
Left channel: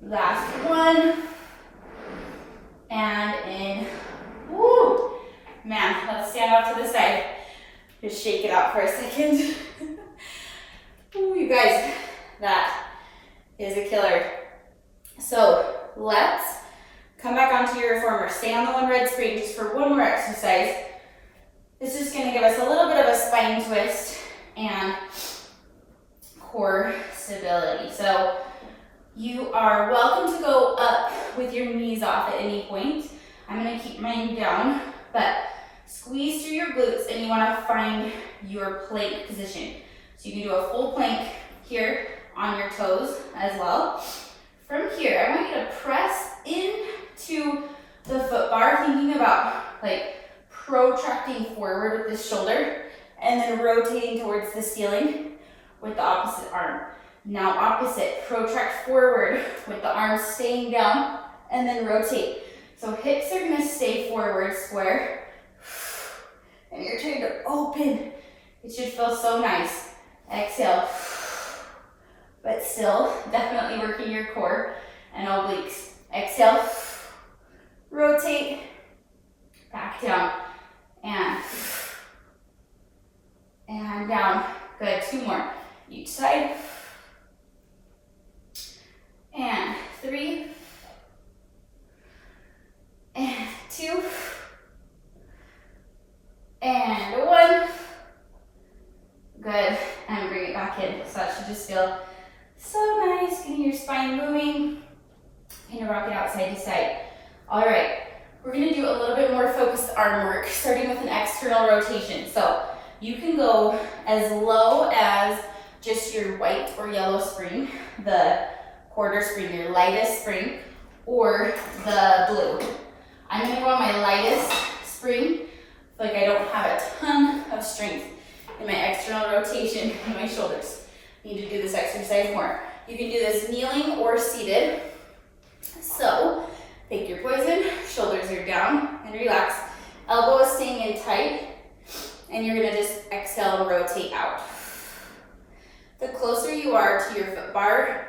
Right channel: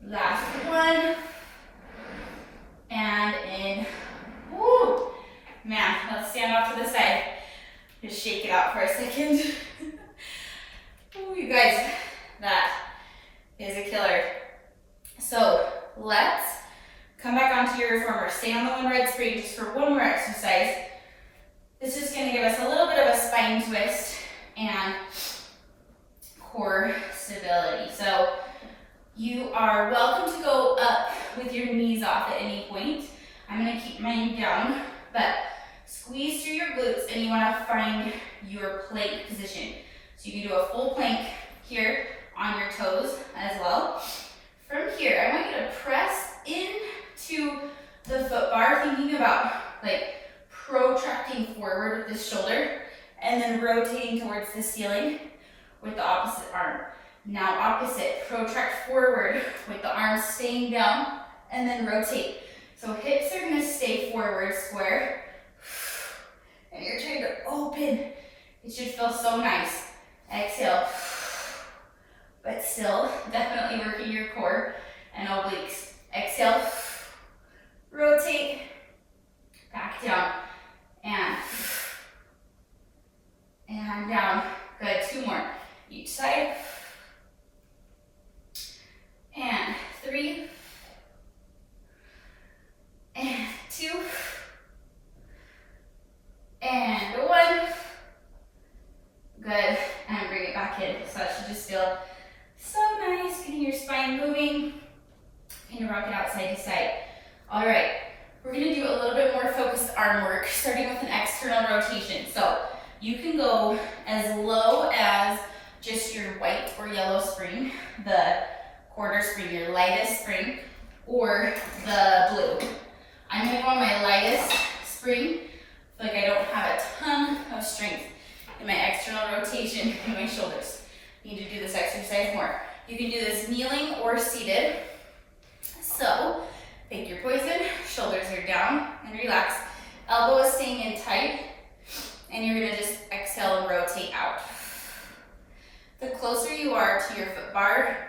last one, and in. Woo! Man, let's stand off to the side. Just shake it out for a second. Ooh, you guys, that is a killer. So let's come back onto your reformer. Stay on the one red spring just for one more exercise. This is going to give us a little bit of a spine twist and core stability. So you are welcome to go up with your knees off at any point. I'm going to keep mine down, but squeeze through your glutes and you want to find your plank position. So you can do a full plank here on your toes as well. From here, I want you to press into the foot bar, thinking about like protracting forward with this shoulder and then rotating towards the ceiling with the opposite arm. Now opposite, protract forward with the arms staying down and then rotate. So hips are gonna stay forward square and you're trying to open. It should feel so nice. Exhale. But still, definitely working your core and obliques. Exhale, rotate, back down, and down. Good, 2 more. Each side. And 3, and 2, and 1. Good, and bring it back in. So that should just feel so nice, getting your spine moving. Kind of rock it out side to side. All right, we're gonna do a little bit more focused arm work, starting with an external rotation. So you can go as low as just your white or yellow spring, the quarter spring, your lightest spring, or the blue. I'm gonna go on my lightest spring. I feel like I don't have a ton of strength in my external rotation in my shoulders. Need to do this exercise more. You can do this kneeling or seated. So pick your poison, shoulders are down and relax. Elbow is staying in tight and you're gonna just exhale and rotate out. The closer you are to your foot bar,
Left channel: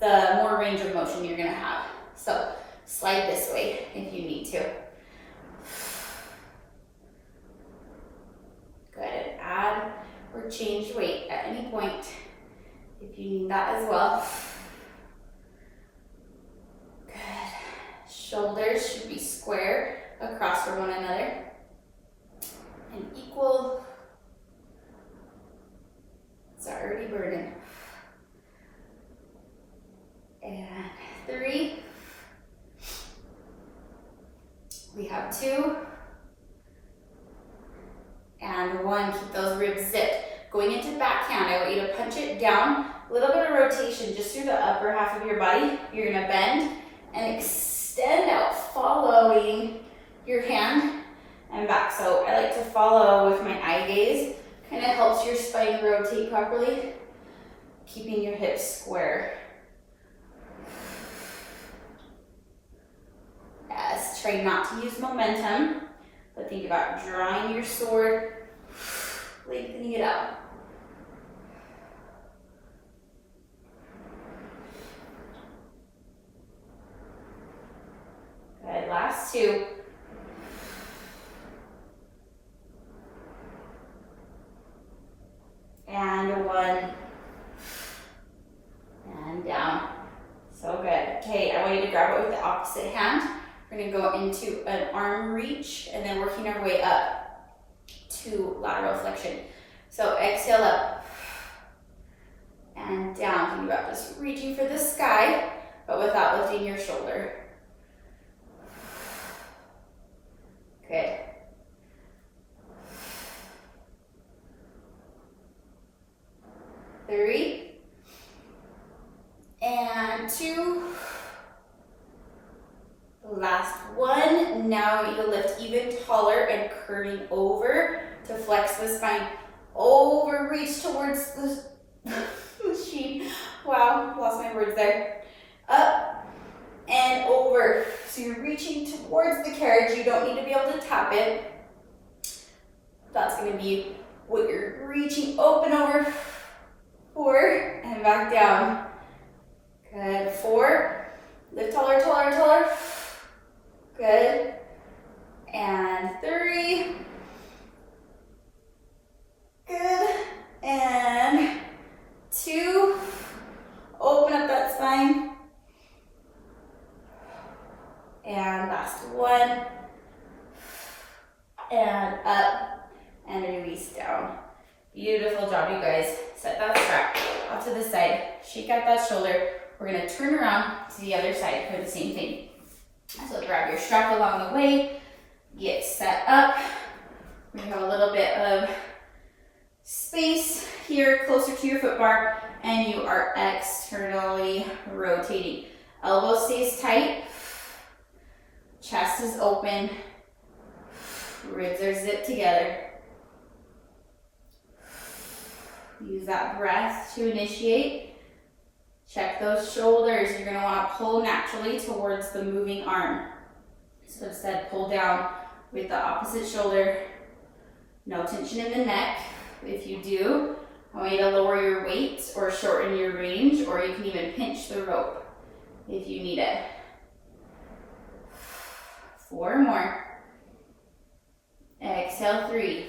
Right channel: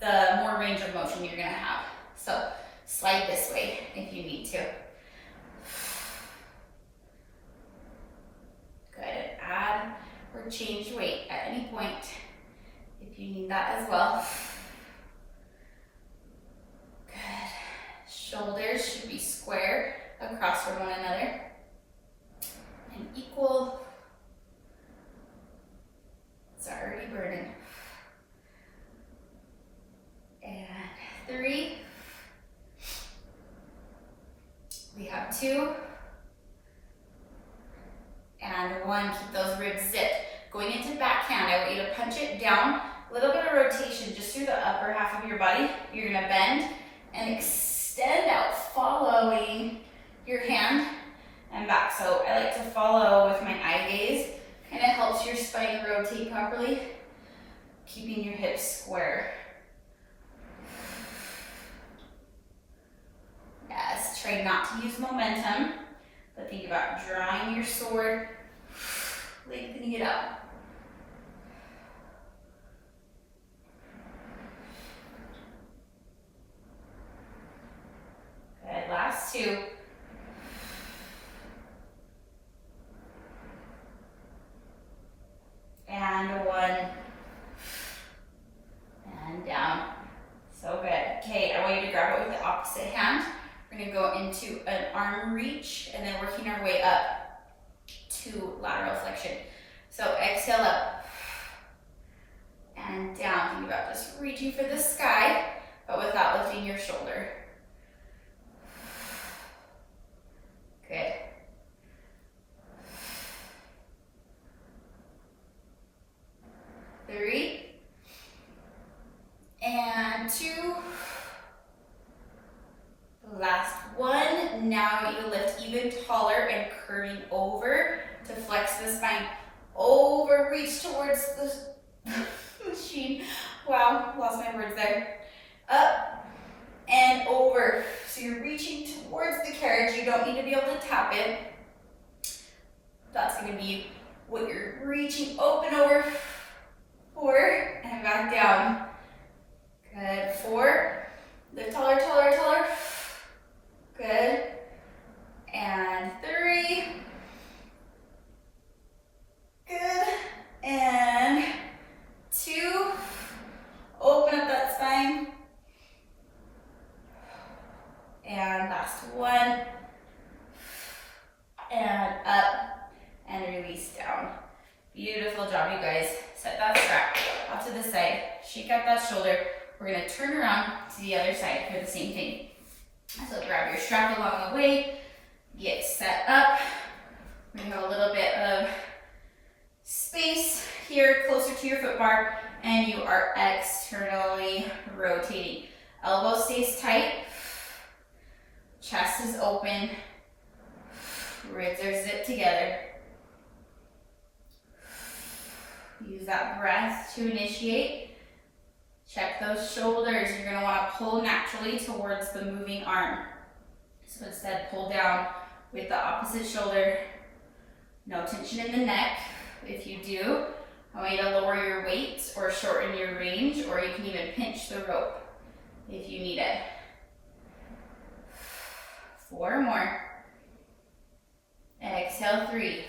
the more range of motion you're gonna have. So slide this way if you need to. Good, add or change weight at any point if you need that as well. Good. Shoulders should be square across from one another and equal. It's already burning. And 3. We have 2. And 1. Keep those ribs zipped. Going into backhand, I want you to punch it down. A little bit of rotation just through the upper half of your body. You're gonna bend and extend out, following your hand and back. So I like to follow with my eye gaze. Kind of helps your spine rotate properly, keeping your hips square. Yes, try not to use momentum, but think about drawing your sword, lengthening it out. Good, last 2. And 1. And down. So good. Okay, I want you to grab it with the opposite hand. We're gonna go into an arm reach and then working our way up to lateral flexion. So exhale up. reaching for the sky, but without lifting your shoulder. Good. Three. And two. Last one. Now I want you to lift even taller and curving over to flex the spine. Over, reach towards the machine. Wow, lost my words there. Up and over. So you're reaching towards the carriage. You don't need to be able to tap it. That's going to be what you're reaching open over. 4 and back down. Good. 4. Lift taller, taller, taller. Good. And 3. Good. And 2. Open up that spine. And last one. And up and release down. Beautiful job, you guys. Set that strap off to the side. Shake out that shoulder. We're going to turn around to the other side for the same thing. So grab your strap along the way. Get set up. We have a little bit of space here closer to your foot bar, and you are externally rotating. Elbow stays tight. Chest is open. Ribs are zipped together. Use that breath to initiate. Check those shoulders. You're going to want to pull naturally towards the moving arm. So instead, pull down with the opposite shoulder. No tension in the neck. If you do, I want you to lower your weight or shorten your range, or you can even pinch the rope if you need it. 4 more. Exhale, 3.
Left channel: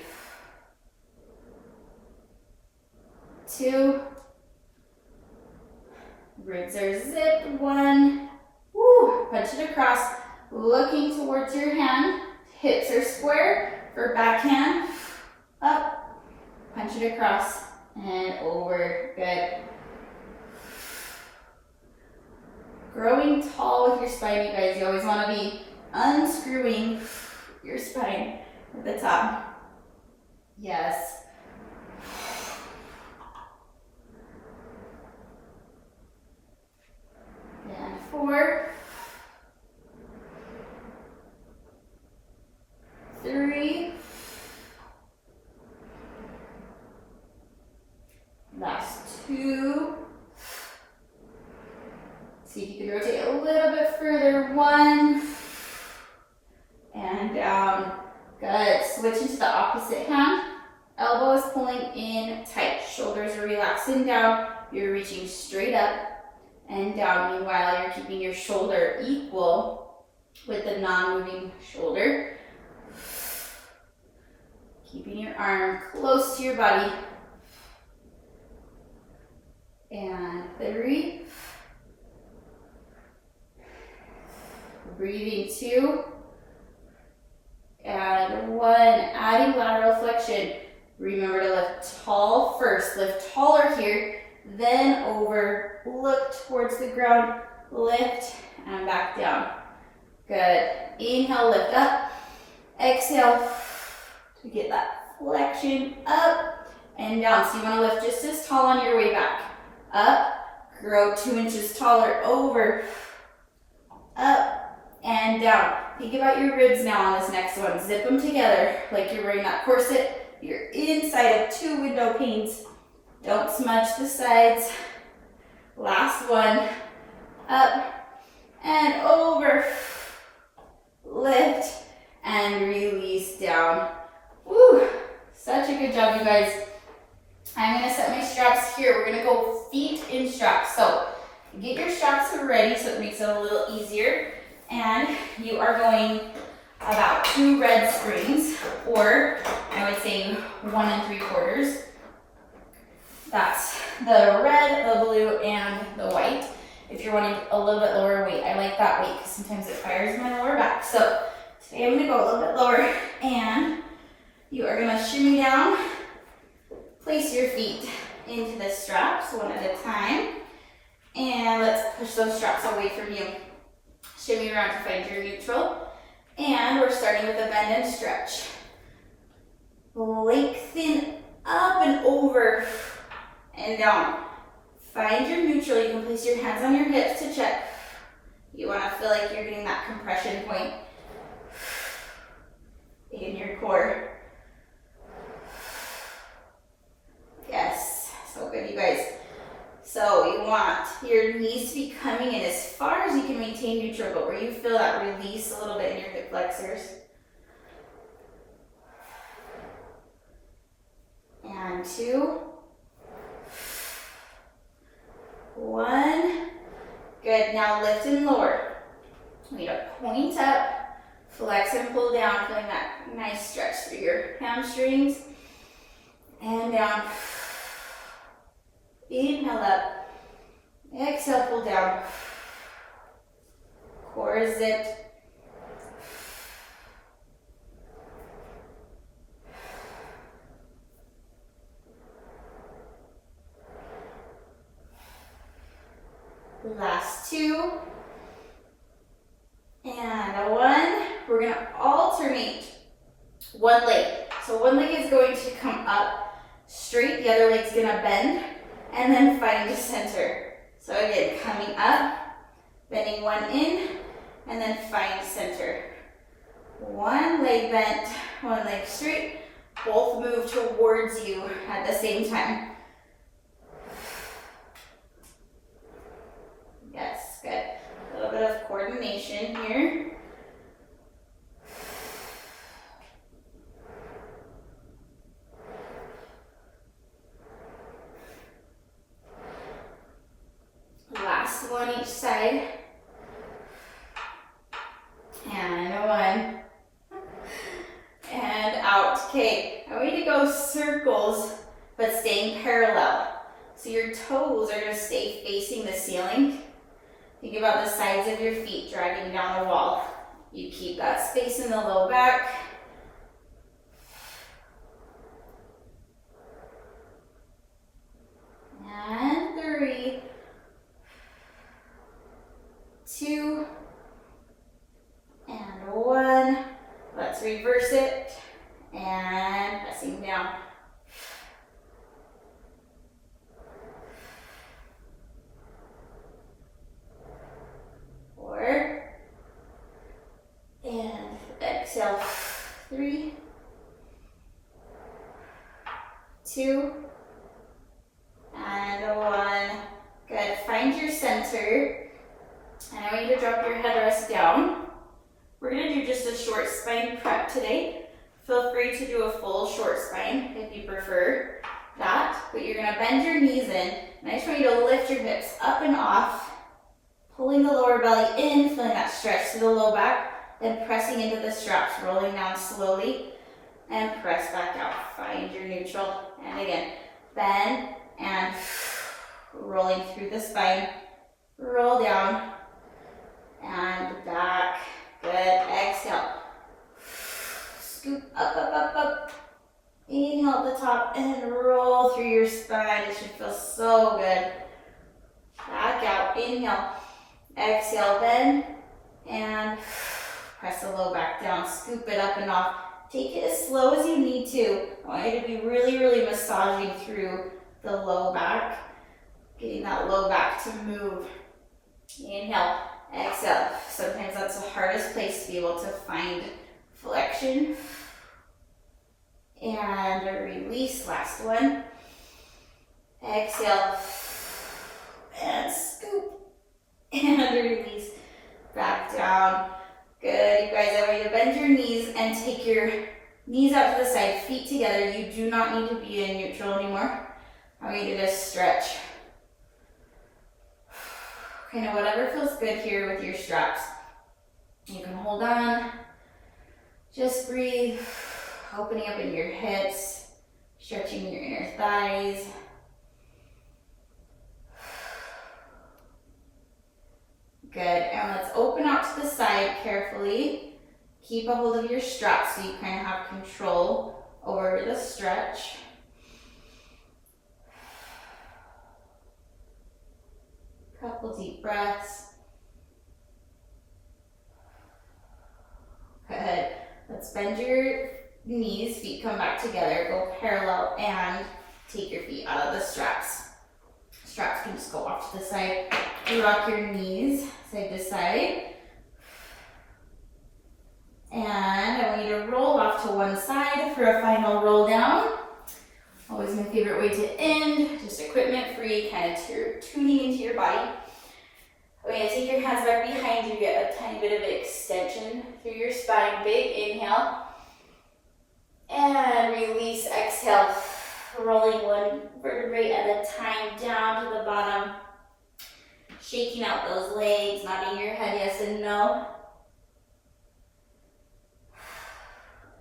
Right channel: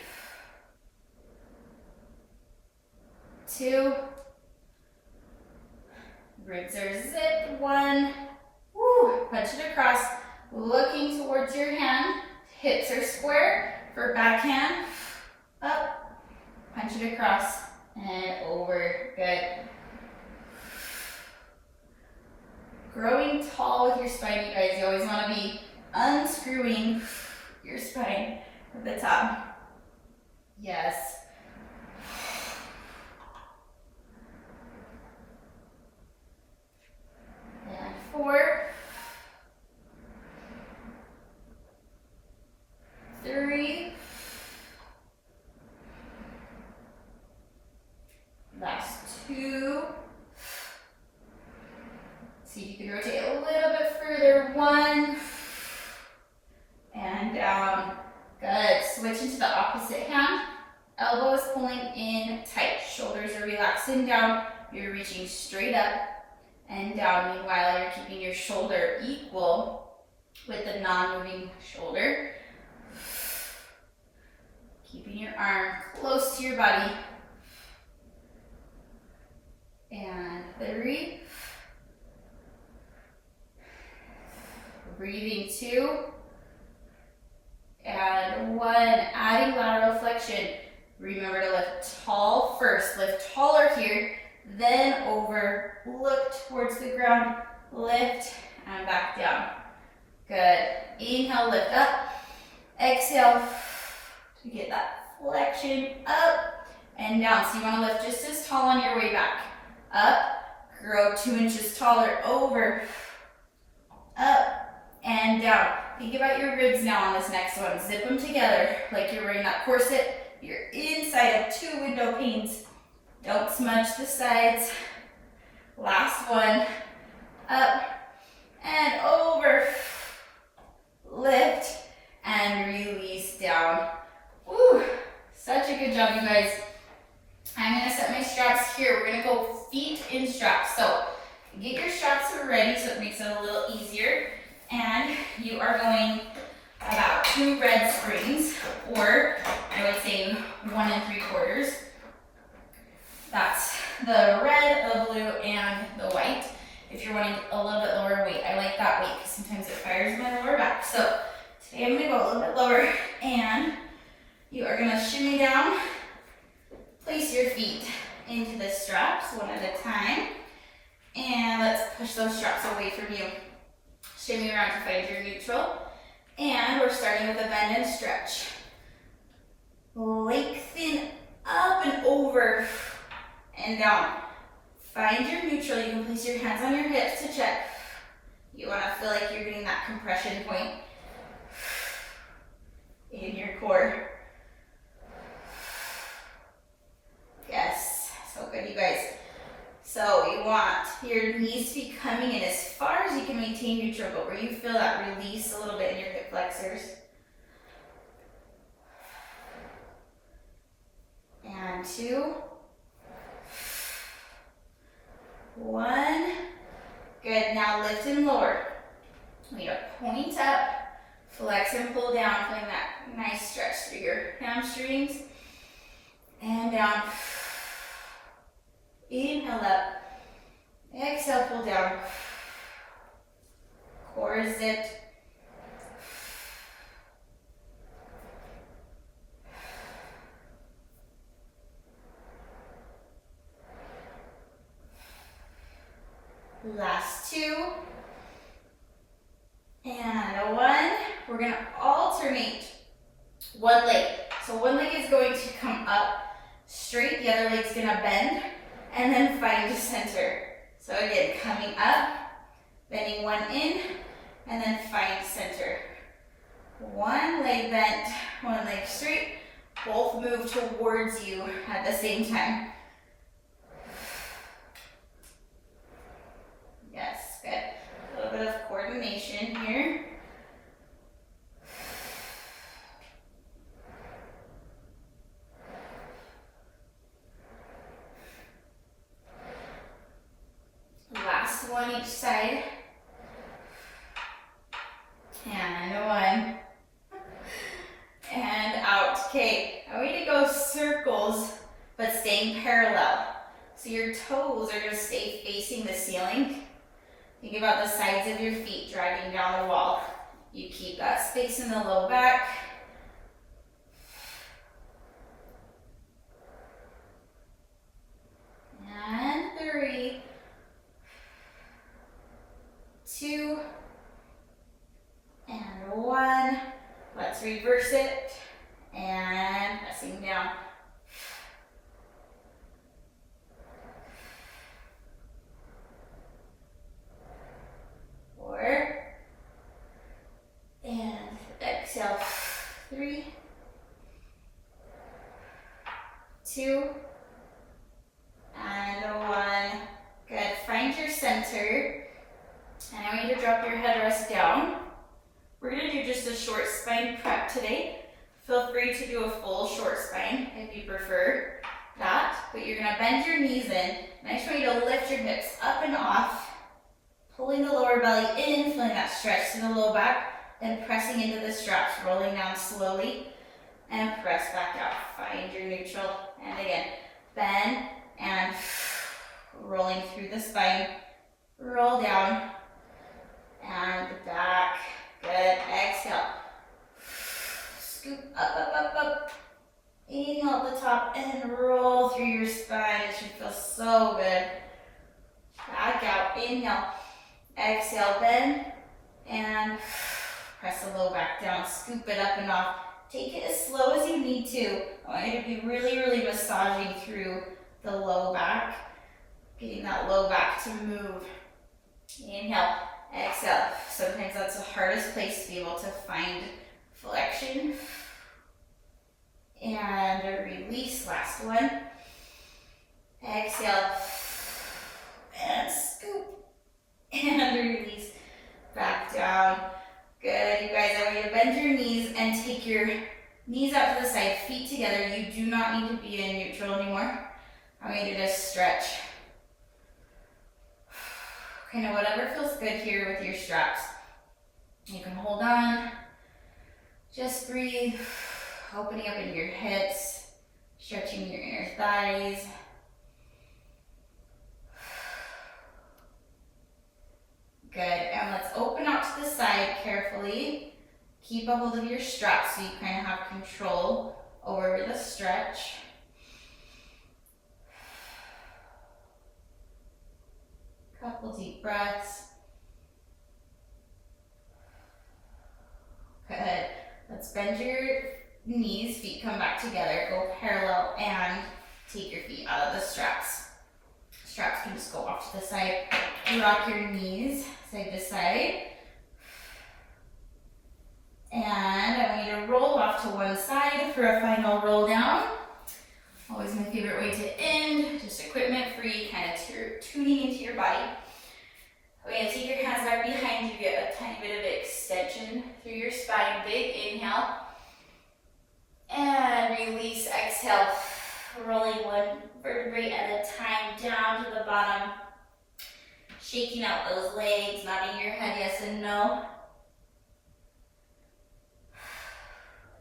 2. Ribs are zipped. 1. Woo. Punch it across, looking towards your hand. Hips are square for backhand. Up. Punch it across and over. Good. Growing tall with your spine, you guys. You always want to be unscrewing your spine at the top. Yes. And 4. 3. Last 2. See if you can rotate a little bit further. 1. And down. Good. Switch into the opposite hand. Elbows pulling in tight. Shoulders are relaxing down. You're reaching straight up and down. Meanwhile, you're keeping your shoulder equal with the non-moving shoulder. Keeping your arm close to your body. And 3. Breathing 2. And 1. Adding lateral flexion. Remember to lift tall first. Lift taller here, then over. Look towards the ground. Lift and back down. Good. Inhale, lift up. Exhale to get that flexion up and down. So you want to lift just as tall on your way back. Up. Grow 2 inches taller. Over. Up and down. Think about your ribs now on this next one. Zip them together like you're wearing that corset. You're inside of 2 window panes. Don't smudge the sides. Last one. Up and over. Lift and release down. Woo! Such a good job, you guys. I'm going to set my straps here. We're going to go feet in straps. So get your straps ready so it makes it a little easier. And you are going about 2 red springs, or I would say 1 3/4. That's the red, the blue, and the white. If you're wanting a little bit lower weight, I like that weight because sometimes it fires my lower back. So today I'm going to go a little bit lower, and you are going to shimmy down. Place your feet into the straps one at a time, And let's push those straps away from you. Shimmy around to find your neutral. And we're starting with a bend and stretch. Lengthen up and over and down. Find your neutral. You can place your hands on your hips to check. You want to feel like you're getting that compression point in your core. Yes, so good, you guys. So you want your knees to be coming in as far as you can maintain neutral, but where you feel that release a little bit in your hip flexors. And 2, 1. Good, now lift and lower. We need to point up, flex and pull down, feeling that nice stretch through your hamstrings. And down. Inhale up. Exhale, pull down. Core zipped. Last 2. And 1. We're going to alternate one leg. So one leg is going to come up straight, the other leg's going to bend, and then find center. So again, coming up, bending one in, and then find center. One leg bent, one leg straight, both move towards you at the same time. Yes, good. A little bit of coordination here. Last one each side. And 1. And out. Okay, I want you to go circles, but staying parallel. So your toes are going to stay facing the ceiling. Think about the sides of your feet dragging down the wall. You keep that space in the low back. And 3, 2, and 1. Let's reverse it. And pressing down. And exhale, 3, 2, and 1. Good, find your center. And I want you to drop your headrest down. We're gonna do just a short spine prep today. Feel free to do a full short spine if you prefer that, but you're gonna bend your knees in. And I just want you to lift your hips up and off, pulling the lower belly in, feeling that stretch to the low back. Then pressing into the straps, rolling down slowly, and press back out. Find your neutral. And again, bend and rolling through the spine. Roll down and back. Good. Exhale. Scoop up, up, up, up. Inhale at the top and roll through your spine. It should feel so good. Back out. Inhale. Exhale, bend and press the low back down, scoop it up and off. Take it as slow as you need to. I want you to be really, really massaging through the low back, getting that low back to move. Inhale, exhale. Sometimes that's the hardest place to be able to find flexion. And release, last one. Exhale, and scoop, and release, back down. Good, you guys, I want you to bend your knees and take your knees out to the side, feet together. You do not need to be in neutral anymore. I want you to just stretch. Kind of whatever feels good here with your straps. You can hold on. Just breathe, opening up into your hips, stretching your inner thighs. Good, and let's open out to the side carefully. Keep a hold of your straps so you kind of have control over the stretch. Couple couple deep breaths. Good. Let's bend your knees, feet come back together, go parallel, and take your feet out of the straps. Straps can just go off to the side. You rock your knees side to side. And I want you to roll off to one side for a final roll down. Always my favorite way to end, just equipment free, kind of tuning into your body. We're going to take your hands back behind you, get a tiny bit of extension through your spine. Big inhale. And release, exhale. Rolling one vertebrae at a time down to the bottom. Shaking out those legs, nodding your head yes and no.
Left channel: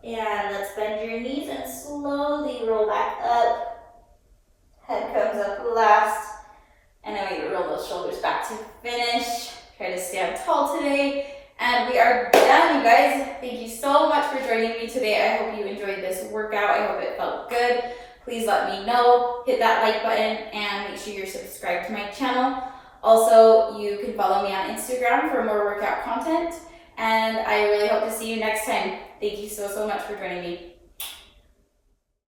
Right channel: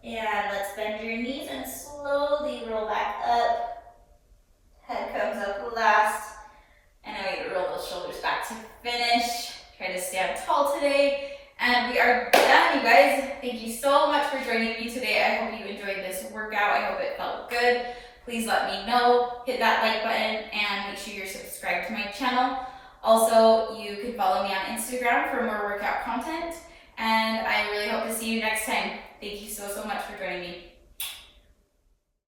And let's bend your knees and slowly roll back up. Head comes up last. And I want you to roll those shoulders back to finish. Try to stand tall today. And we are done, you guys. Thank you so much for joining me today. I hope you enjoyed this workout. I hope it felt good. Please let me know. Hit that like button and make sure you're subscribed to my channel. Also, you can follow me on Instagram for more workout content. And I really hope to see you next time. Thank you so much for joining me.